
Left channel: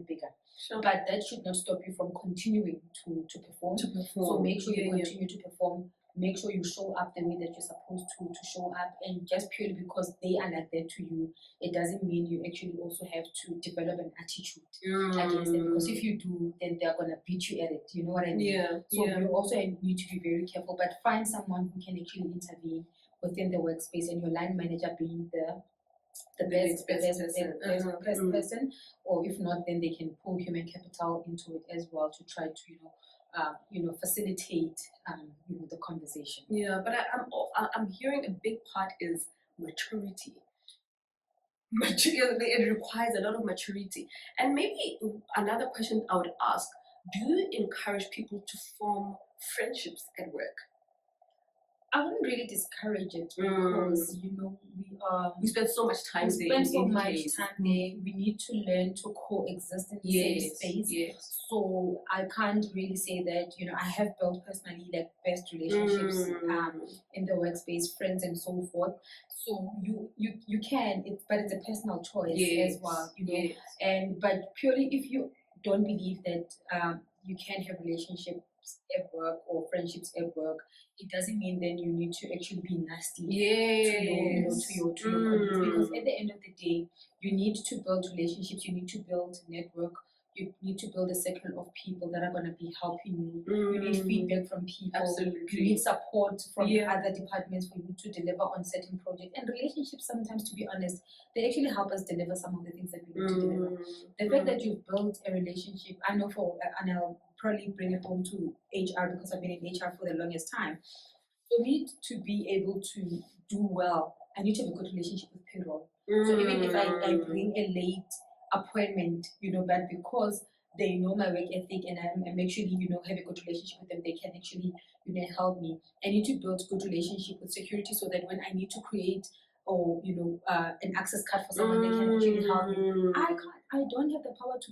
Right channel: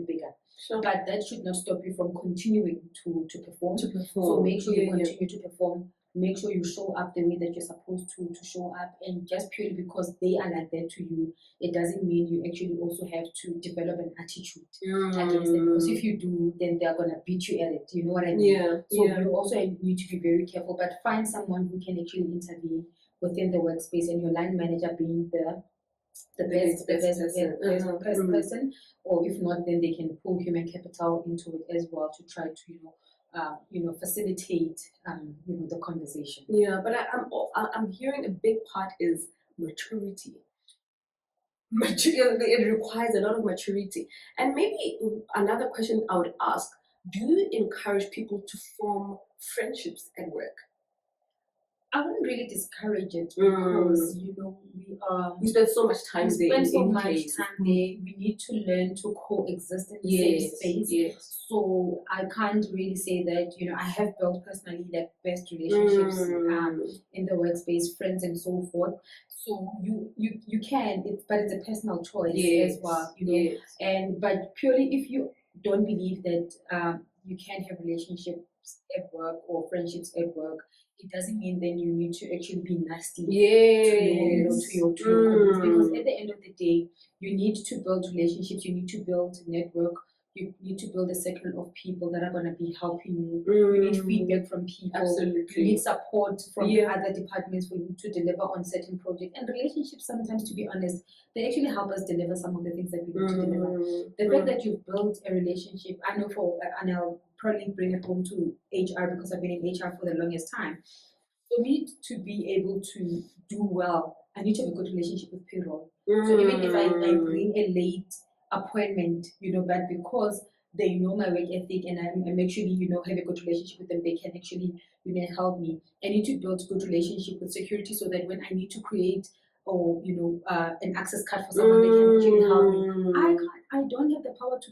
bigger. Sure. But that should not stop you from continuing to perform. So make sure you continue to perform. Make sure you show up the way that you're supposed to show up. And just purely because they are like that to you, it doesn't mean you actually also have to develop an attitude against them. Because if you do, then they're going to beat you at it. You know what I mean? So you also need to be very careful. But find someone who can actually intervene within the workspace, and your line manager being the best person, or if not, then they can pull human capital into it as well to try to facilitate the conversation. Yeah, but I'm hearing a big part is maturity. It requires a lot of maturity. And maybe another question I would ask: do you encourage people to form friendships at work? I wouldn't really discourage it, because we spend so much time there. We need to learn to coexist in the same space. So I can't really say that I have built personally like best relationships in the workspace, friends and so forth. So you can, but it's a personal choice as well. But purely if you don't believe that you can have relationships at work or friendships at work, it doesn't mean then you need to actually be nasty to your colleagues, because at the end of the day, you need to build relationships, you need to build network, you need to build a circle of people that are going to be helping you. You need feedback from people. Absolutely. You need support from other departments for you to deliver on certain projects. And relationships, sometimes, to be honest, they actually help us deliver some of the things that we need to deliver. The fact that you've built a relationship, I know and I'll probably bring it home to HR, because I've been in HR for the longest time. For me to be able to do well, I need to have a good relationship with payroll. So even if I bring a late appointment, but because they know my work ethic and I'm actually, have a good relationship with them, they can actually, help me. I need to build good relationship with security, so that when I need to create or an access card for someone, they can actually help me. I don't have the power to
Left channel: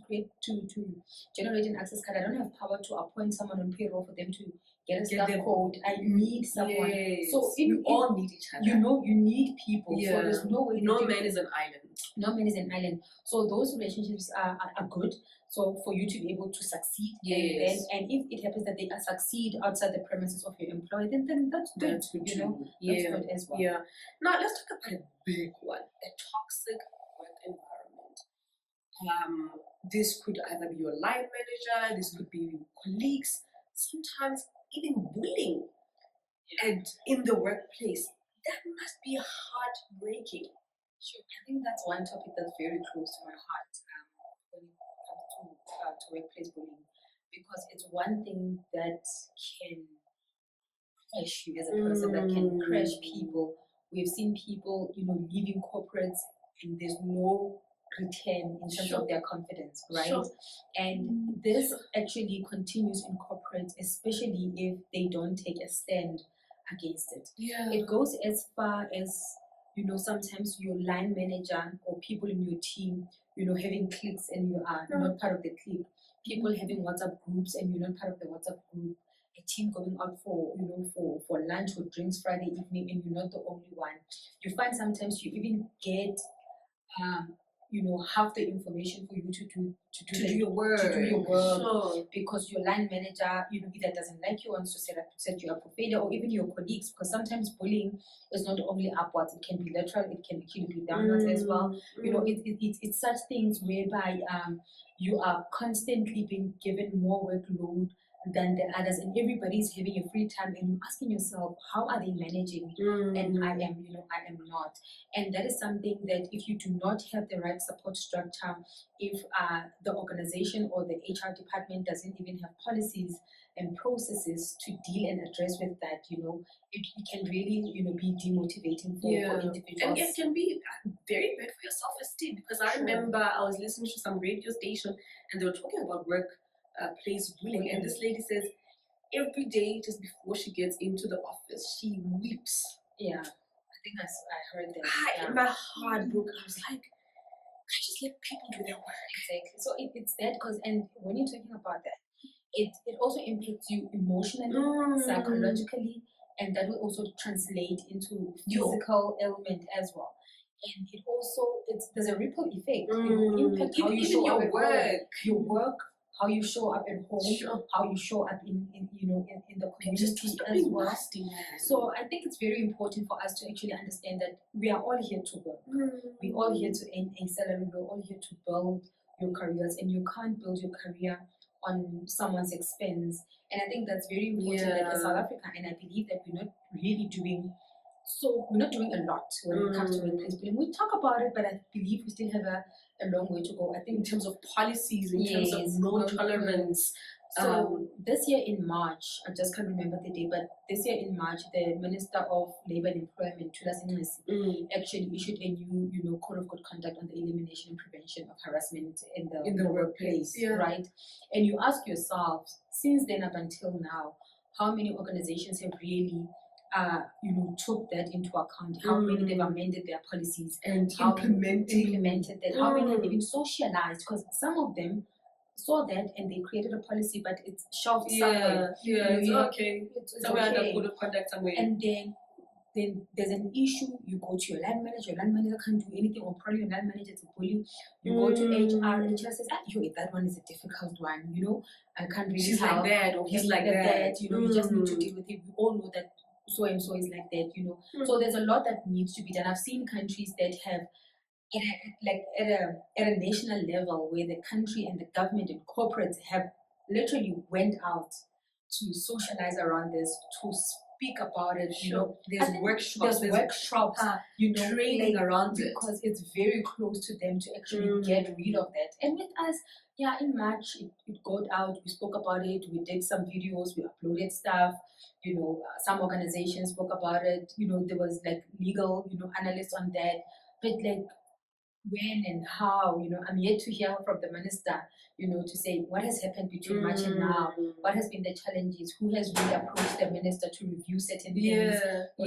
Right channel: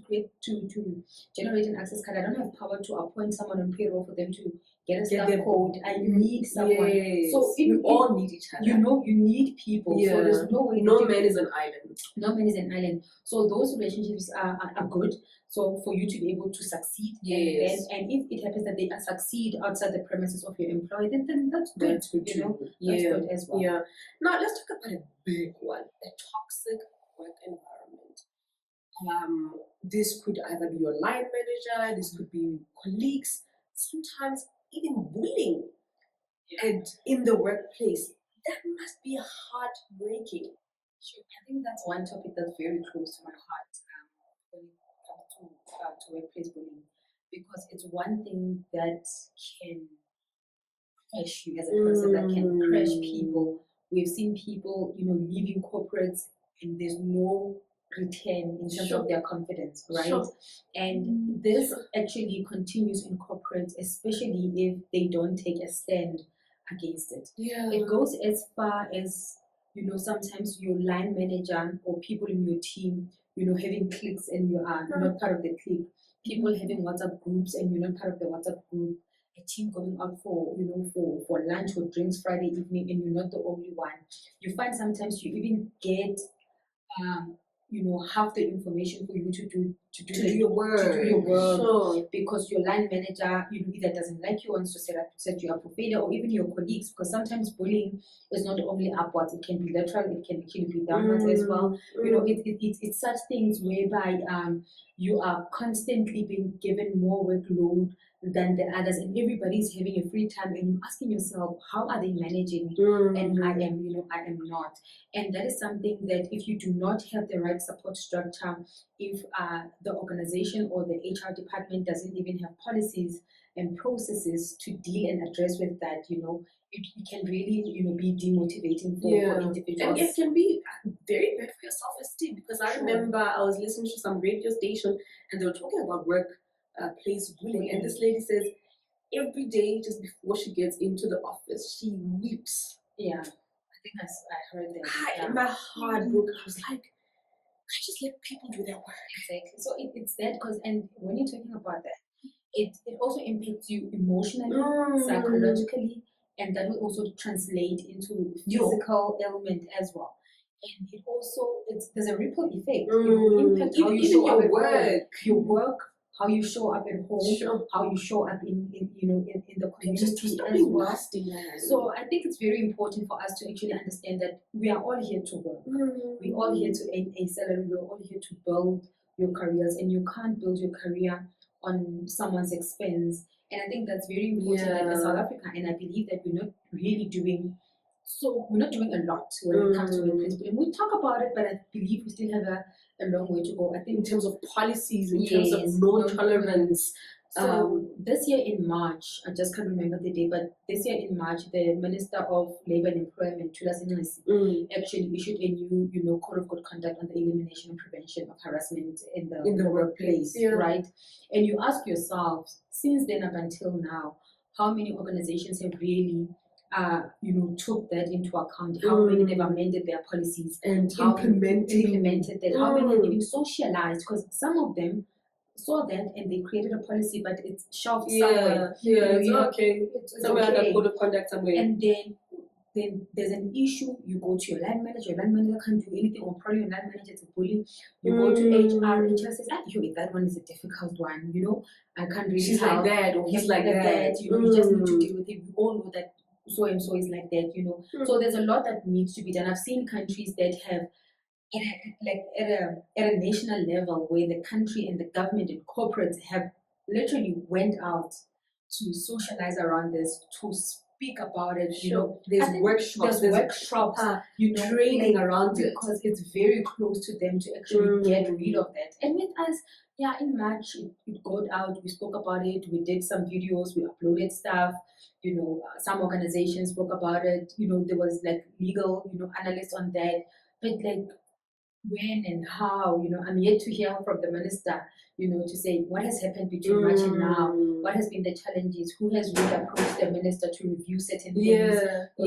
generate an access card. I don't have power to appoint someone on payroll for them to get a staff code. I need someone. So we all need each other. You need people. So there's no way. No man is an island. No man is an island. So those relationships are good. So for you to be able to succeed, and if it happens that they succeed outside the premises of your employer, then that's good. That's good good as well. Yeah. Now let's talk about a big one: a toxic work environment. This could either be your line manager, this could be colleagues, sometimes even bullying. And in the workplace, that must be heartbreaking. Sure. I think that's one topic that's very close to my heart when it comes to workplace bullying, because it's one thing that can crash you as a person, that can crash people. We've seen people, leaving corporates, and there's no return in terms Sure. of their confidence, right? Sure. And this Sure. actually continues in corporates, especially if they don't take a stand against it. Yeah. It goes as far as, you know, sometimes your line manager or people in your team, you know, having cliques and you are not part of the clique. People having WhatsApp groups and you're not part of the WhatsApp group. A team going out for, you know, for lunch or drinks Friday evening and you're not the only one. You find sometimes you even get you know, half the information for you to do your work. to do your work Sure. because your line manager, you know, either doesn't like you, wants to set you up for failure, or even your colleagues, because sometimes bullying is not only upwards, it can be lateral, it can actually be downwards as well. You know, it's such things whereby you are constantly being given more workload than the others, and everybody's having a free time, and you're asking yourself, how are they managing? And I am, you know, I am not. And that is something that if you do not have the right support structure, if the organization or the HR department doesn't even have policies and processes to deal and address with that, you know, it can really, you know, be demotivating for individuals. And it can be very bad for your self-esteem, because I Sure. remember I was listening to some radio station and they were talking about workplace bullying, and this lady says every day just before she gets into the office, she weeps. Yeah, I think I heard that. My heart broke. I was like, I just let people do their work. Exactly. So it's that, because, and when you're talking about that, it also impacts you emotionally, psychologically, and that will also translate into physical ailment as well. And it also, there's a ripple effect. It will impact how you show up at work, your work, how you show up at home, how you show up in you know, in the community as well. Nasty, so I think it's very important for us to actually understand that we are all here to work. We're all here to earn a salary. We're all here to build your careers, and you can't build your career on someone's expense. And I think that's very important in South Africa. And I believe that we're not really doing we're not doing a lot when it comes to workplace bullying. We talk about it, but I believe we still have a long way to go. I think in terms of policies, in terms of no tolerance. So this year in March, I just can't remember the day, but this year in March, the Minister of Labour and Employment, actually issued a new, you know, code of good conduct on the elimination and prevention of harassment in the workplace, right? And you ask yourself, since then up until now, how many organizations have really you know, took that into account, how many they've amended their policies and implemented that, how many have even socialized, because some of them saw that and they created a policy, but it's shelved somewhere. It's okay. Somewhere under code of conduct somewhere. And then there's an issue, you go to your line manager can't do anything, or probably your line manager is a bully. You go to HR says, that one is a difficult one, you know, I can't really She's like that, or he's like that. You know, you just need to deal with it. We all know that so and so is like that, you know. So there's a lot that needs to be done. I've seen countries that have at a national level where the country and the government and corporates have literally went out to socialize around this, to speak about it. You know, there's workshops, you know, training around it, because it's very close to them to actually get rid of that. And with us, in March it got out. We spoke about it. We did some videos. We uploaded stuff. You know, some organizations spoke about it. You know, there was like legal, you know, analysts on that. But like when and how, you know, I'm yet to hear from the minister, you know, to say what has happened between March and now, what has been the challenges, who has really approached the minister to review certain things, or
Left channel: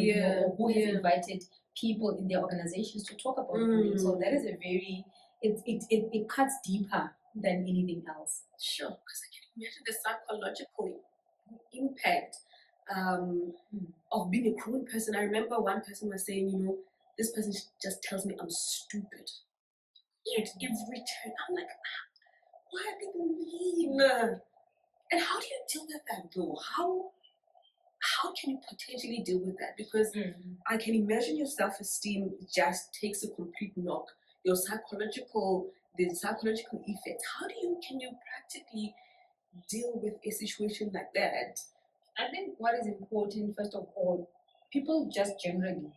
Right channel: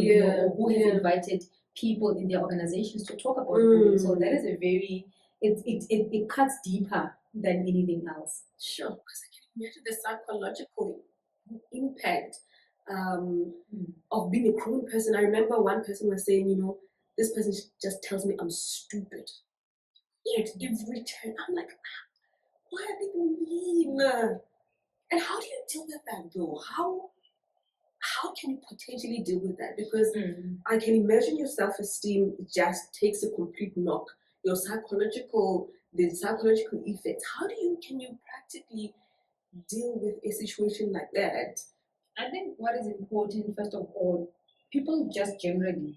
who has invited people in their organizations to talk about bullying. So that is a very, it cuts deeper than anything else. Sure, because I can imagine the psychological impact of being a cruel person. I remember one person was saying, you know, this person just tells me I'm stupid. At every turn, I'm like, what are they mean? And how do you deal with that though? How can you potentially deal with that? Because I can imagine your self-esteem just takes a complete knock. The psychological effects. Can you practically deal with a situation like that? I think what is important, first of all, people just generally,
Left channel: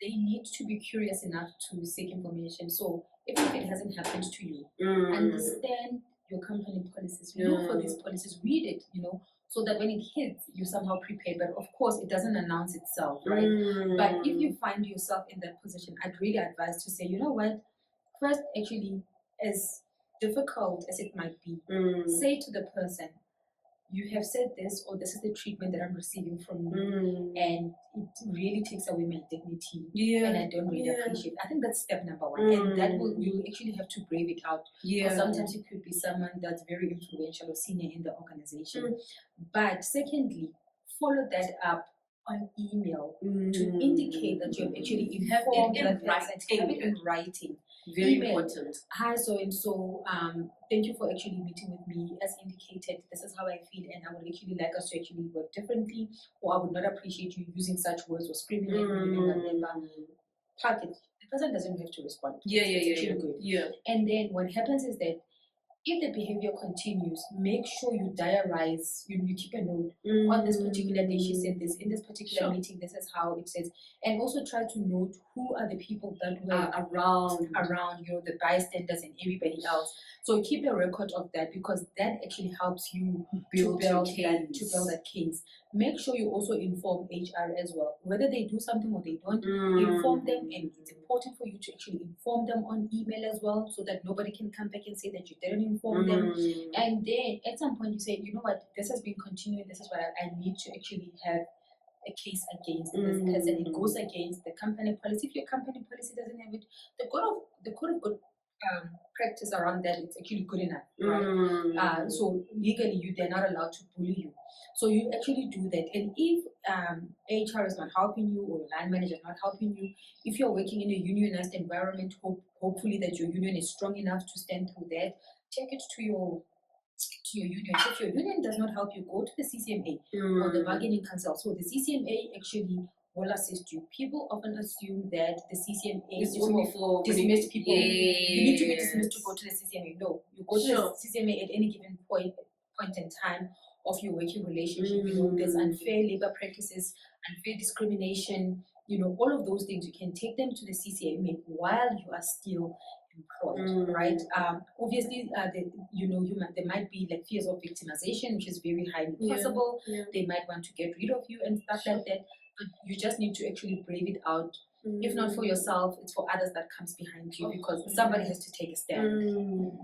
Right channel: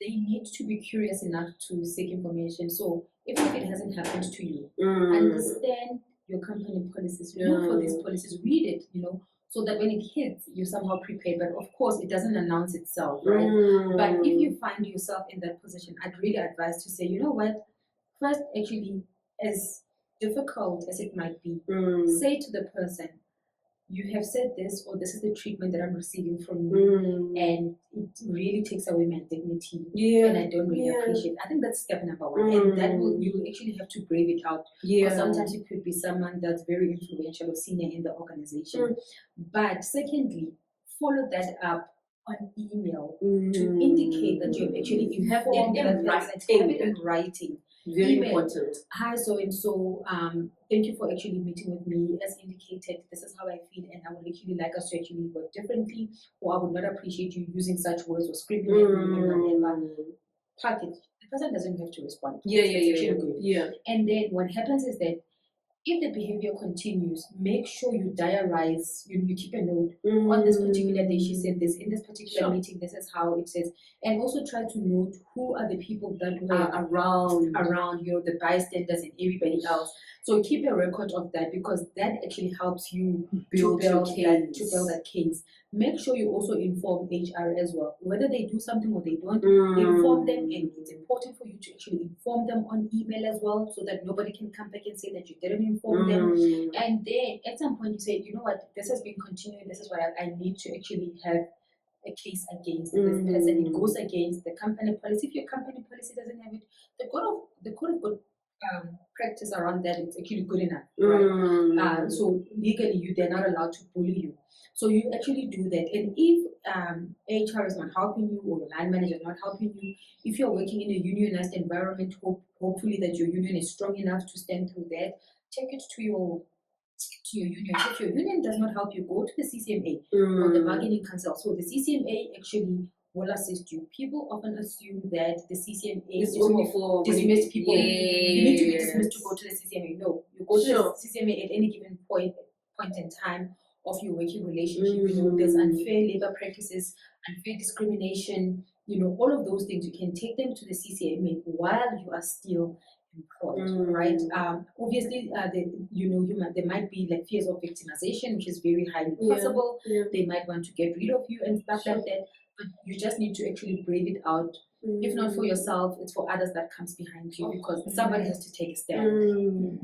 they need to be curious enough to seek information. So even if it hasn't happened to you, understand your company policies, look for these policies, read it, you know, so that when it hits, you're somehow prepared. But of course, it doesn't announce itself, right? But if you find yourself in that position, I'd really advise to say, you know what, first actually as difficult as it might be, say to the person, you have said this, or this is the treatment that I'm receiving from you, and it really takes away my dignity, and I don't really appreciate it. I think that's step number one, and that will, you actually have to brave it out. Or sometimes it could be someone that's very influential or senior in the organization. But secondly, follow that up on email to indicate that you've actually informed that person. Have it in writing. Very important. Hi, so and so. Thank you for actually meeting with me. As indicated, this is how I feel, and I would actually like us to actually work differently, or I would not appreciate you using such words or screaming at me and whatever. Package. The person doesn't have to respond. Yeah. And then what happens is that if the behavior continues, make sure you diarize, you keep a note on this particular day. She said this in this particular meeting. This is how it says, and also try to note who are the people that were around, the bystanders and everybody else. So keep a record of that, because that actually helps you to build that case. Make sure you also inform HR as well, whether they do something or they don't. Inform them, and it's important for you to actually inform them on email as well, so that nobody can come back and say that you didn't inform them. And then at some point you say, you know what, this has been continuing. This is what I need to actually have a case against this person. It goes against the company policy. If your company policy doesn't have it, the code of good practice around that, it's actually good enough, right? So legally, they're not allowed to bully you. So you actually do that. And if HR is not helping you, or your line manager is not helping you, if you're working in a unionized environment, hopefully that your union is strong enough to stand through that. Take it to your union. If your union does not help you, go to the CCMA or the bargaining council. So the CCMA actually will assist you. People often assume that the CCMA is only for dismissed people. You need to be dismissed to go to the CCMA. No, you go to the CCMA at any given point in time of your working relationship. There's unfair labor practices, unfair discrimination, all of those things. You can take them to the CCMA while you are still employed, right? Obviously, there might be like fears of victimization, which is very highly possible. They might want to get rid of you and stuff like that. But you just need to actually brave it out. If not for yourself, it's for others that comes behind you, because somebody has to take a stand.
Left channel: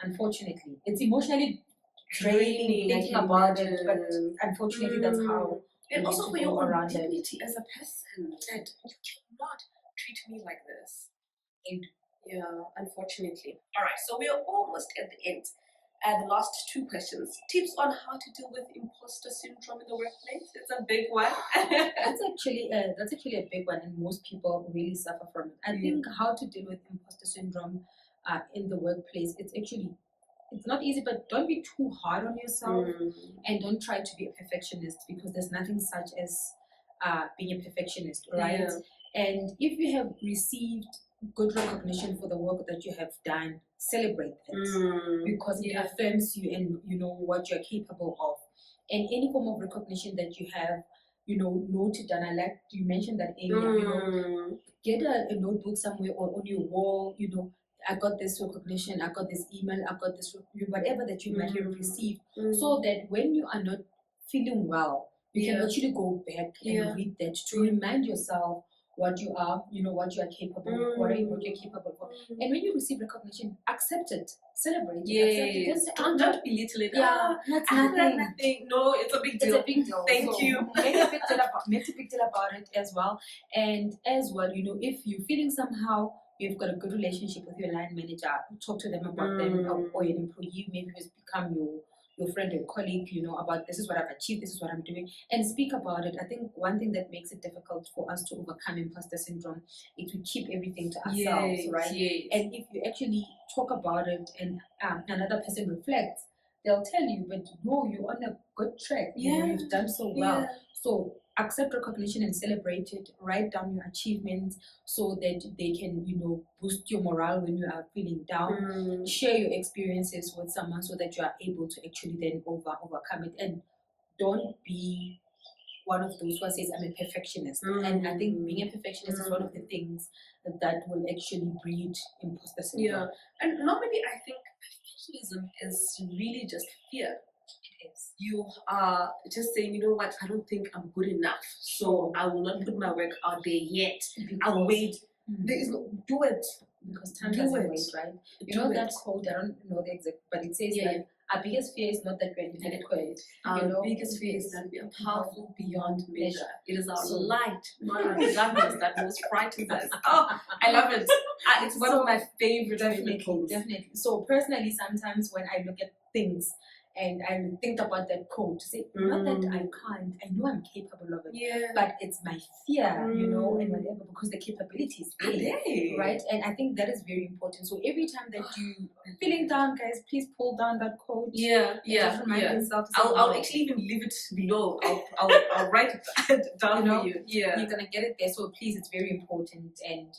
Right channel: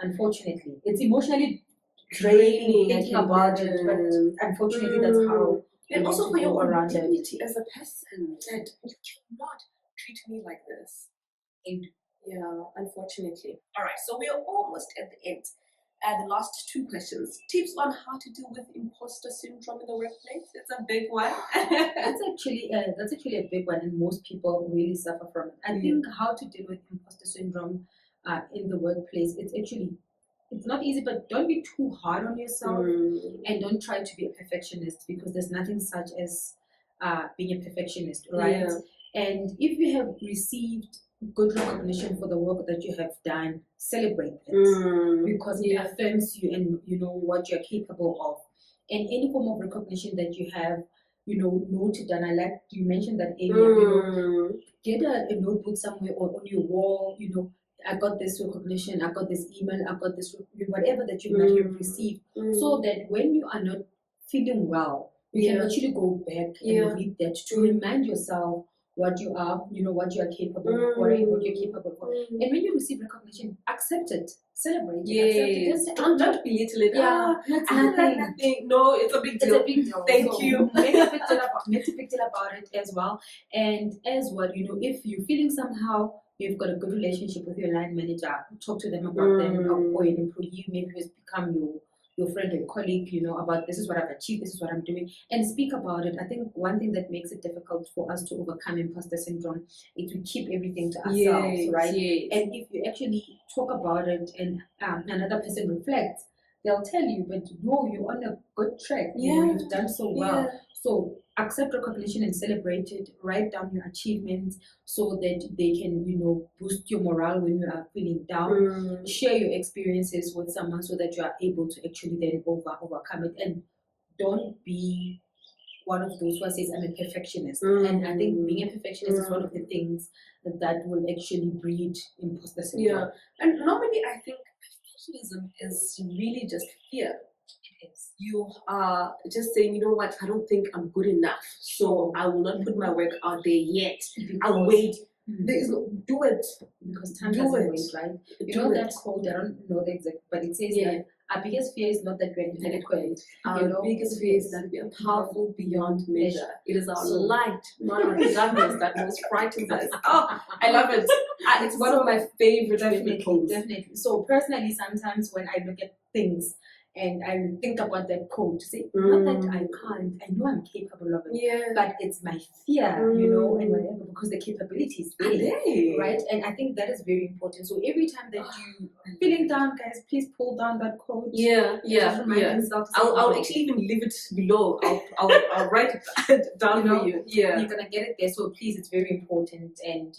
Unfortunately, it's emotionally draining thinking about it, but unfortunately, that's how. And also for your own dignity as a person, that you cannot treat me like this. Yeah, unfortunately. All right, so we are almost at the end. The last two questions. Tips on how to deal with imposter syndrome in the workplace. It's a big one. That's actually a big one, and most people really suffer from it. I think how to deal with imposter syndrome in the workplace, it's not easy, but don't be too hard on yourself, and don't try to be a perfectionist, because there's nothing such as being a perfectionist, right? And if you have received good recognition for the work that you have done, celebrate it, because it affirms you and what you're capable of. And any form of recognition that you have, noted, and I like you mentioned that earlier, get a notebook somewhere or on your wall, I got this recognition, I got this email, I got this, whatever that you might have received, so that when you are not feeling well, you can actually go back and read that to remind yourself what you are, what you are capable of, or what you're capable of. And when you receive recognition, accept it, celebrate it, accept it. Don't belittle it. That's nothing. No, it's a big deal. It's a big deal. Thank you. Make a big deal about it as well. And as well, if you're feeling somehow you've got a good relationship with your line manager, talk to them about them, or an employee maybe who's become your friend or colleague, about this is what I've achieved, this is what I'm doing, and speak about it. I think one thing that makes it difficult for us to overcome imposter syndrome is to keep everything to ourselves, right? And if you actually talk about it and another person reflects, they'll tell you, but no, you're on a good track. You've done so well. So accept recognition and celebrate it. Write down your achievements so that they can, boost your morale when you are feeling down. Share your experiences with someone so that you are able to actually then overcome it. And don't be one of those who says, I'm a perfectionist. And I think being a perfectionist is one of the things that will actually breed imposter syndrome. And normally I think perfectionism is really just fear. You are just saying, you know what, I don't think I'm good enough, so I will not put my work out there yet. I'll wait There is no, do it. Because time Do doesn't it. wait, right? You Do know it. that quote, I don't know the exact, but it says Yeah. that our biggest fear is not that we're inadequate. Our biggest fear is that we are powerful beyond measure. It is our light, not our darkness, that most frightens us. Oh, I love it. It's one of my favorite quotes. Definitely. So personally, sometimes when I look at things and I think about that quote, say, not that I can't, I know I'm capable of it, Yeah. but it's my fear, you know, and whatever, because the capability is there, right? And I think that is very important. So every time that you feeling down, guys, please pull down that quote. Just remind yourself. I'll actually even leave it below. I'll write it down for you. Yeah, you're gonna get it there. So please, it's very important. And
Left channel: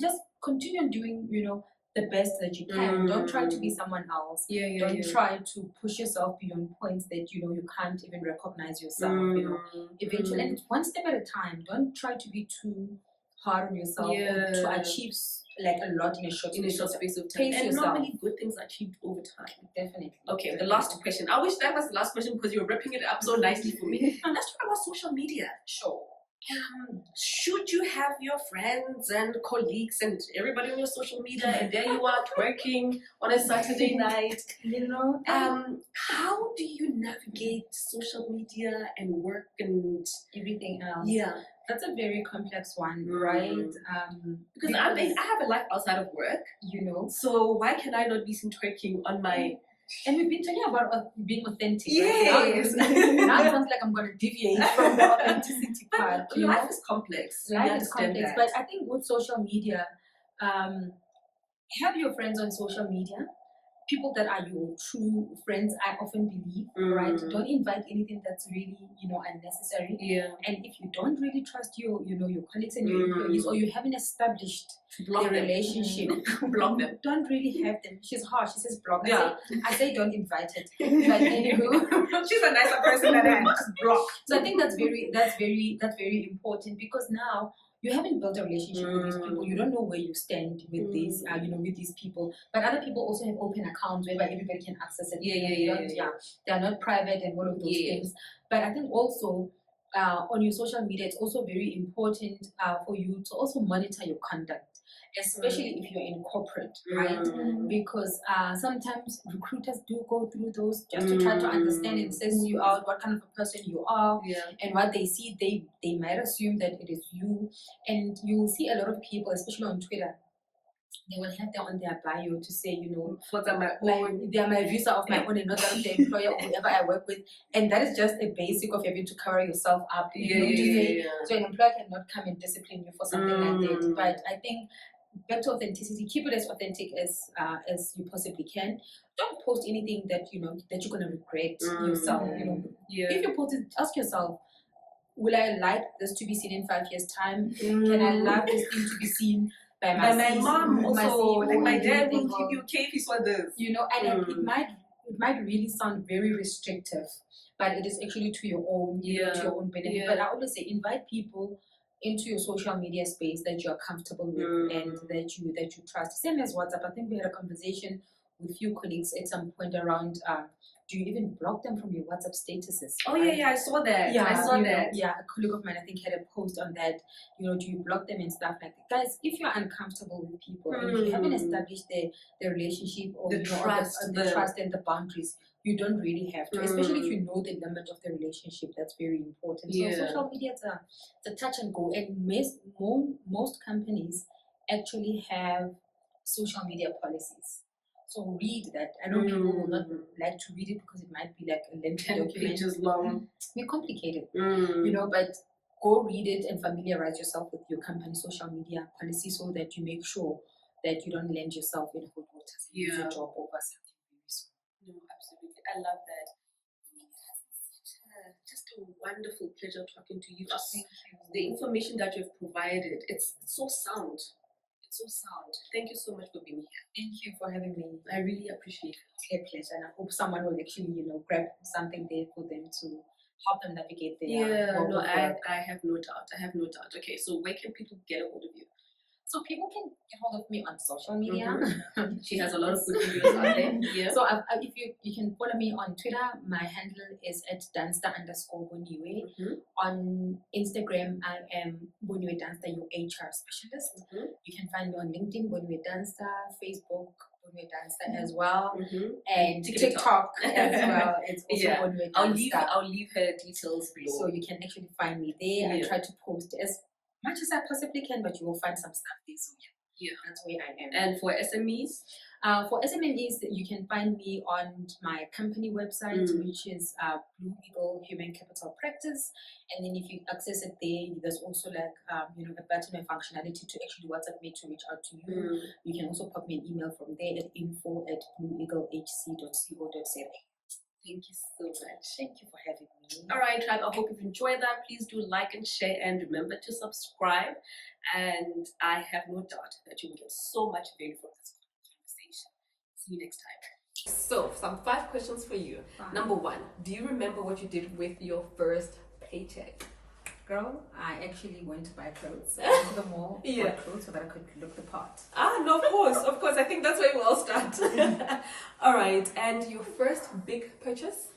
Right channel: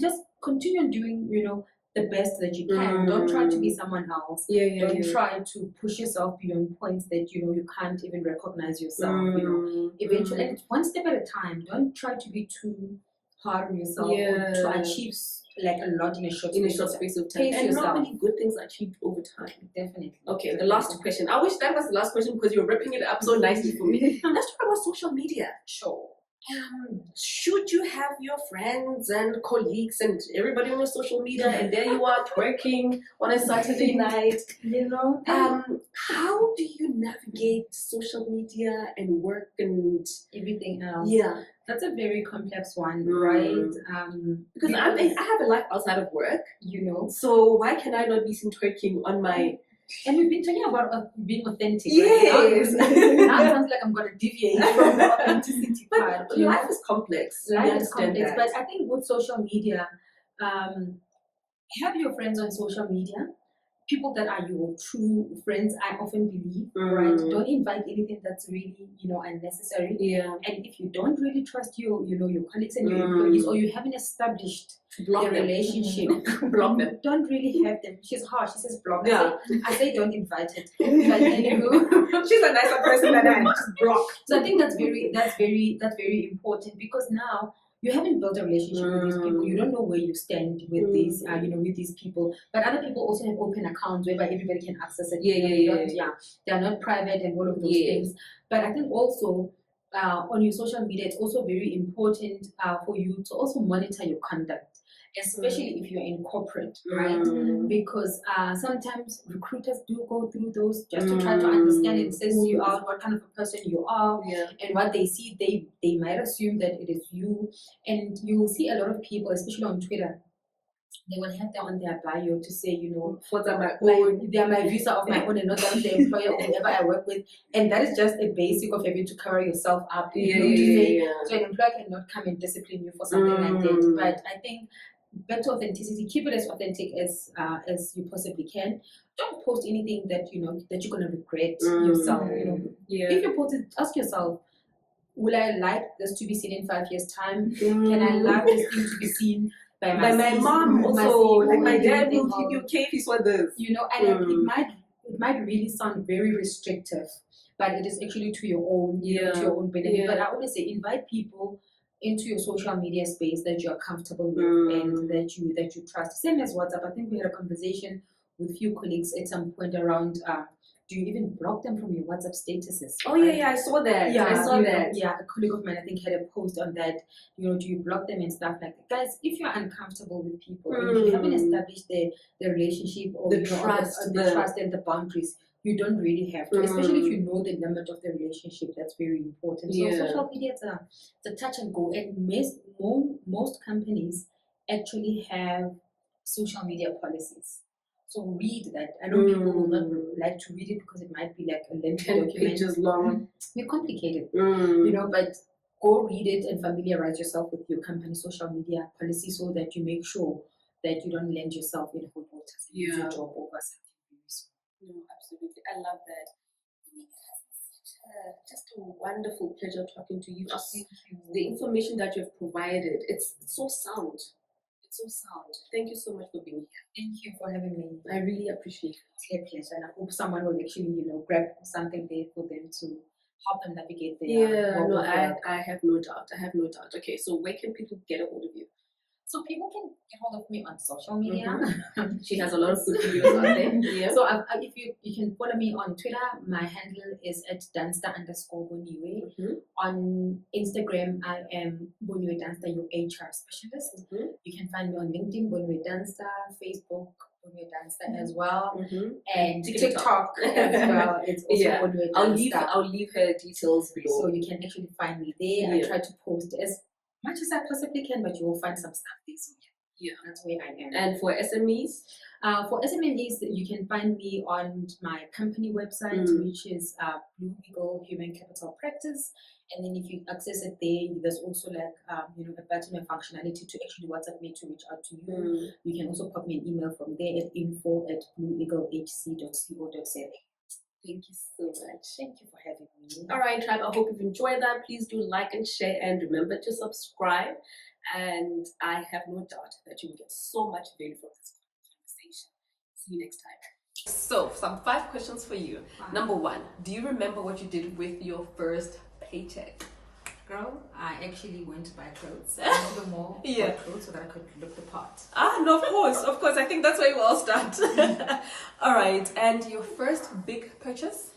just continue doing, you know, the best that you can. Don't try to be someone else. Don't try to push yourself beyond points that you know you can't even recognize yourself. You know, eventually, and it's one step at a time. Don't try to be too hard on yourself or to achieve like a lot in a short space of time. And normally good things are achieved over time. Definitely. Okay, the last question. I wish that was the last question because you're wrapping it up so nicely for me. Let's talk about social media. Sure. Should you have your friends and colleagues and everybody on your social media and there you are twerking on a Saturday night, you know? How do you navigate social media and work and everything else? Yeah. That's a very complex one, right? Because I have a life outside of work, you know. So why can I not be seen twerking on my... And we've been talking about being authentic. Yes. Right? Now it sounds like I'm going to deviate from the authenticity part. But life is complex. Life is complex. But I think with social media, have your friends on social media. People that are your true friends, I often believe, right? Don't invite anything that's really, you know, unnecessary. Yeah. And if you don't really trust your colleagues and your employees, or you haven't established the relationship, block them. Don't really have them. She's harsh. She says block. Yeah. I say don't invite it. Like, anywho, she's a nicer person than I. Just block. So I think that's very important, because now you haven't built a relationship with these people. You don't know where you stand with these, with these people. But other people also have open accounts whereby everybody can access it. They're not private and all of those things. But I think also on your social media, it's also very important for you to also monitor your conduct, especially if you're in corporate, right? Because sometimes recruiters do go through those just to try to understand and assess you out, what kind of a person you are, and what they see, they might assume that it is you. And you will see a lot of people, especially on Twitter, they will have that on their bio to say, you know, they are my visa of my own and not that of the employer or whoever I work with. And that is just a basic of having to cover yourself up. So an employer cannot come and discipline you for something like that. But I think back to authenticity, keep it as authentic as you possibly can. Don't post anything that you know that you're gonna regret yourself. You know, if you post it, ask yourself, will I like this to be seen in 5 years' time? Can I like this thing to be seen by my mom also? Like my dad will give you okay if he saw this. You know, and it might really sound very restrictive, but it is actually to your own to your own benefit. But I always say invite people into your social media space that you are comfortable with and that you trust. Same as WhatsApp. I think we had a conversation with a few colleagues at some point around do you even block them from your WhatsApp statuses? Oh I saw that. I saw that. A colleague of mine I think had a post on that. You know, do you block them and stuff like that? Guys, if you're uncomfortable with people and if you haven't established the relationship or the trust and the boundaries, you don't really have to, especially if you know the limit of the relationship. That's very important. So social media is a touch and go, and most companies actually have social media policies. So read that. I know people will not like to read it because it might be like a lengthy 10 document. pages long. You're complicated, you know, but go read it and familiarize yourself with your company's social media policy so that you make sure that you don't land yourself in hot water and lose your job over something very small. No, absolutely. I love that. It has been just a wonderful pleasure talking to you. Thank you. The information that you've provided, it's so sound. So sound. Thank you so much for being here. Thank you for having me. I really appreciate it. It's a pleasure, and I hope someone will actually, you know, grab something there for them to help them navigate their I have no doubt. Okay, so where can people get a hold of you? So people can get hold of me on social media. She has a lot of good videos out there. Yeah. So if you can follow me on Twitter, my handle is at Dunster_Boniwe. On Instagram, I am Boniwe Dunster, your HR specialist. You can find me on LinkedIn, Boniwe Dunster, Facebook, Boniwe Dunster as well, and TikTok as well. It's also Boniwe Dunster. I'll leave her details below, so you can actually find me there. I try to post as much as I possibly can, but you will find some stuff there. So that's where I am. And for SMEs? For SMEs, you can find me on my company website, which is Blue Eagle Human Capital Practice. And then if you access it there, there's also like a button and functionality to actually WhatsApp me to reach out to you. You can also pop me an email from there at info@blueeaglehc.co.za. Thank you so much. Thank you for having me. All right, tribe. I hope you've enjoyed that. Please do like and share, and remember to subscribe. And I have no doubt that you will get so much value from this conversation. See you next time. So, some 5 questions for you. Number 1, do you remember what you did with your first paycheck? Girl, I actually went to buy clothes. I went to the mall to buy clothes so that I could look the part. No, of course. I think that's where we all start. All right, and your first big purchase?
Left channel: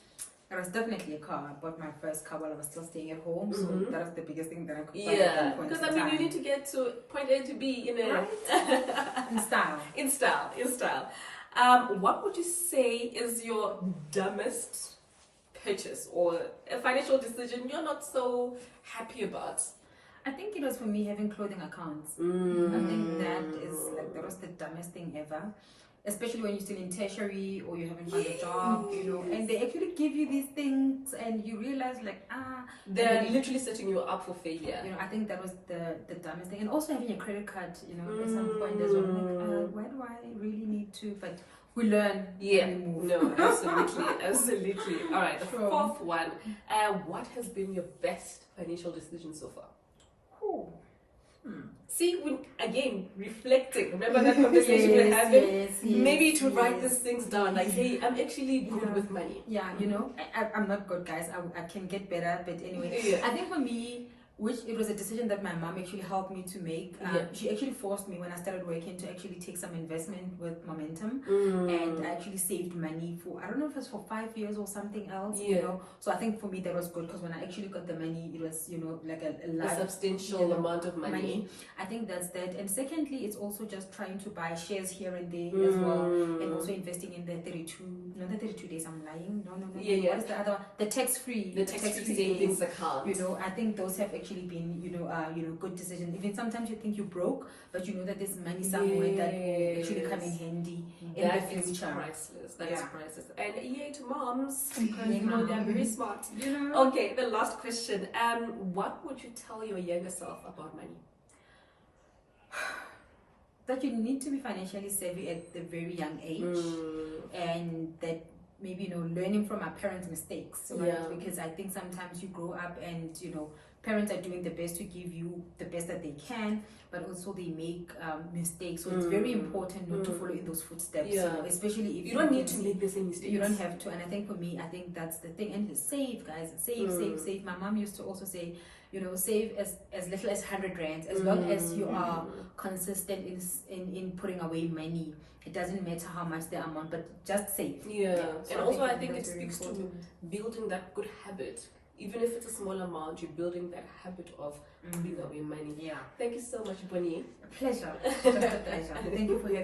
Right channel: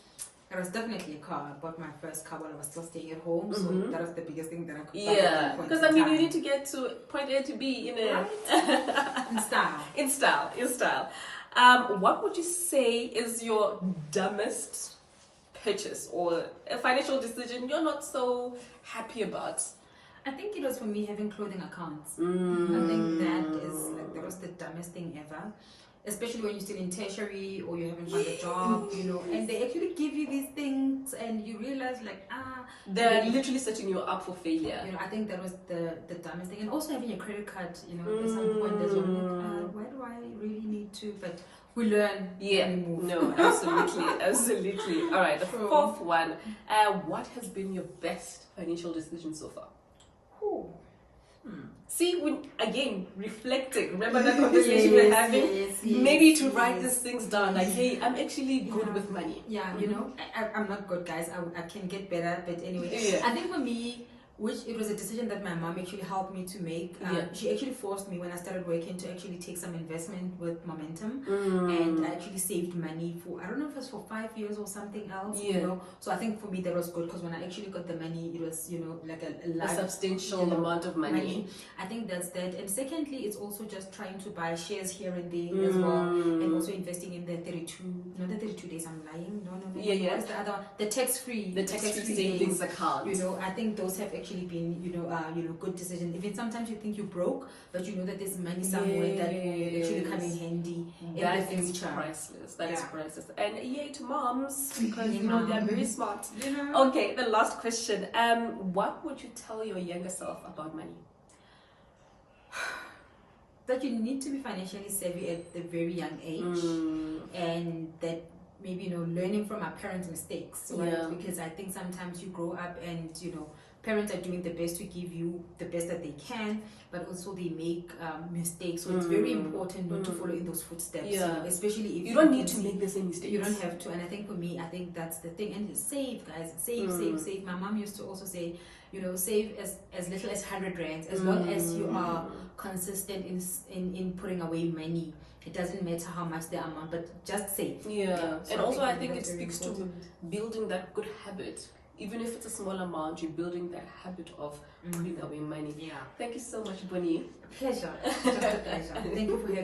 It was definitely a car. I bought my first car while I was still staying at home, so that was the biggest thing that I could buy. Yeah, because I mean, you need to get to point A to B, in style. In style. What would you say is your dumbest purchase or a financial decision you're not so happy about? I think it was for me having clothing accounts. I think that was the dumbest thing ever. Especially when you're still in tertiary or you haven't found a job, and they actually give you these things and you realize they're literally setting you up for failure. I think that was the dumbest thing. And also having a credit card, at some point there's one why do I really need to? But we learn. Yeah, no, absolutely. All right, the 4th one. What has been your best financial decision so far? See, again, reflecting. Remember that conversation we were having? Maybe to write these things down. Like, hey, I'm actually good with money. Yeah, I'm not good, guys. I can get better. But anyway, I think for me, it was a decision that my mom actually helped me to make. She actually forced me when I started working to actually take some investment with Momentum, and I actually saved money for, I don't know if it was for 5 years or something else. So I think for me that was good because when I actually got the money, it was like a substantial amount of money. I think that's that. And secondly, it's also just trying to buy shares here and there as well, and also investing in the 32 days. I'm lying. No. What is the other one? The tax-free savings account. I think those have actually been good decisions. Even sometimes you think you're broke, but you know that there's money somewhere that will actually come in handy in the future. Priceless. That is priceless. And yay to moms, because they're very smart. Okay, the last question. What would you tell your younger self about money? That you need to be financially savvy at a very young age, and that maybe learning from our parents' mistakes, right? Because I think sometimes you grow up and parents are doing the best to give you the best that they can, but also they make mistakes. So it's very important not to follow in those footsteps. Especially if you don't need to make the same mistakes. You don't have to. And I think for me, I think that's the thing. And save, guys, save. My mom used to also say, save as little as 100 rands, as long as you are consistent in putting away money. It doesn't matter how much the amount, but just save. So and also I think it speaks to building that good habit. Even if it's a small amount, you're building that habit of putting away money. Thank you so much, Bonnie. A pleasure. Just a pleasure. Thank you for having me.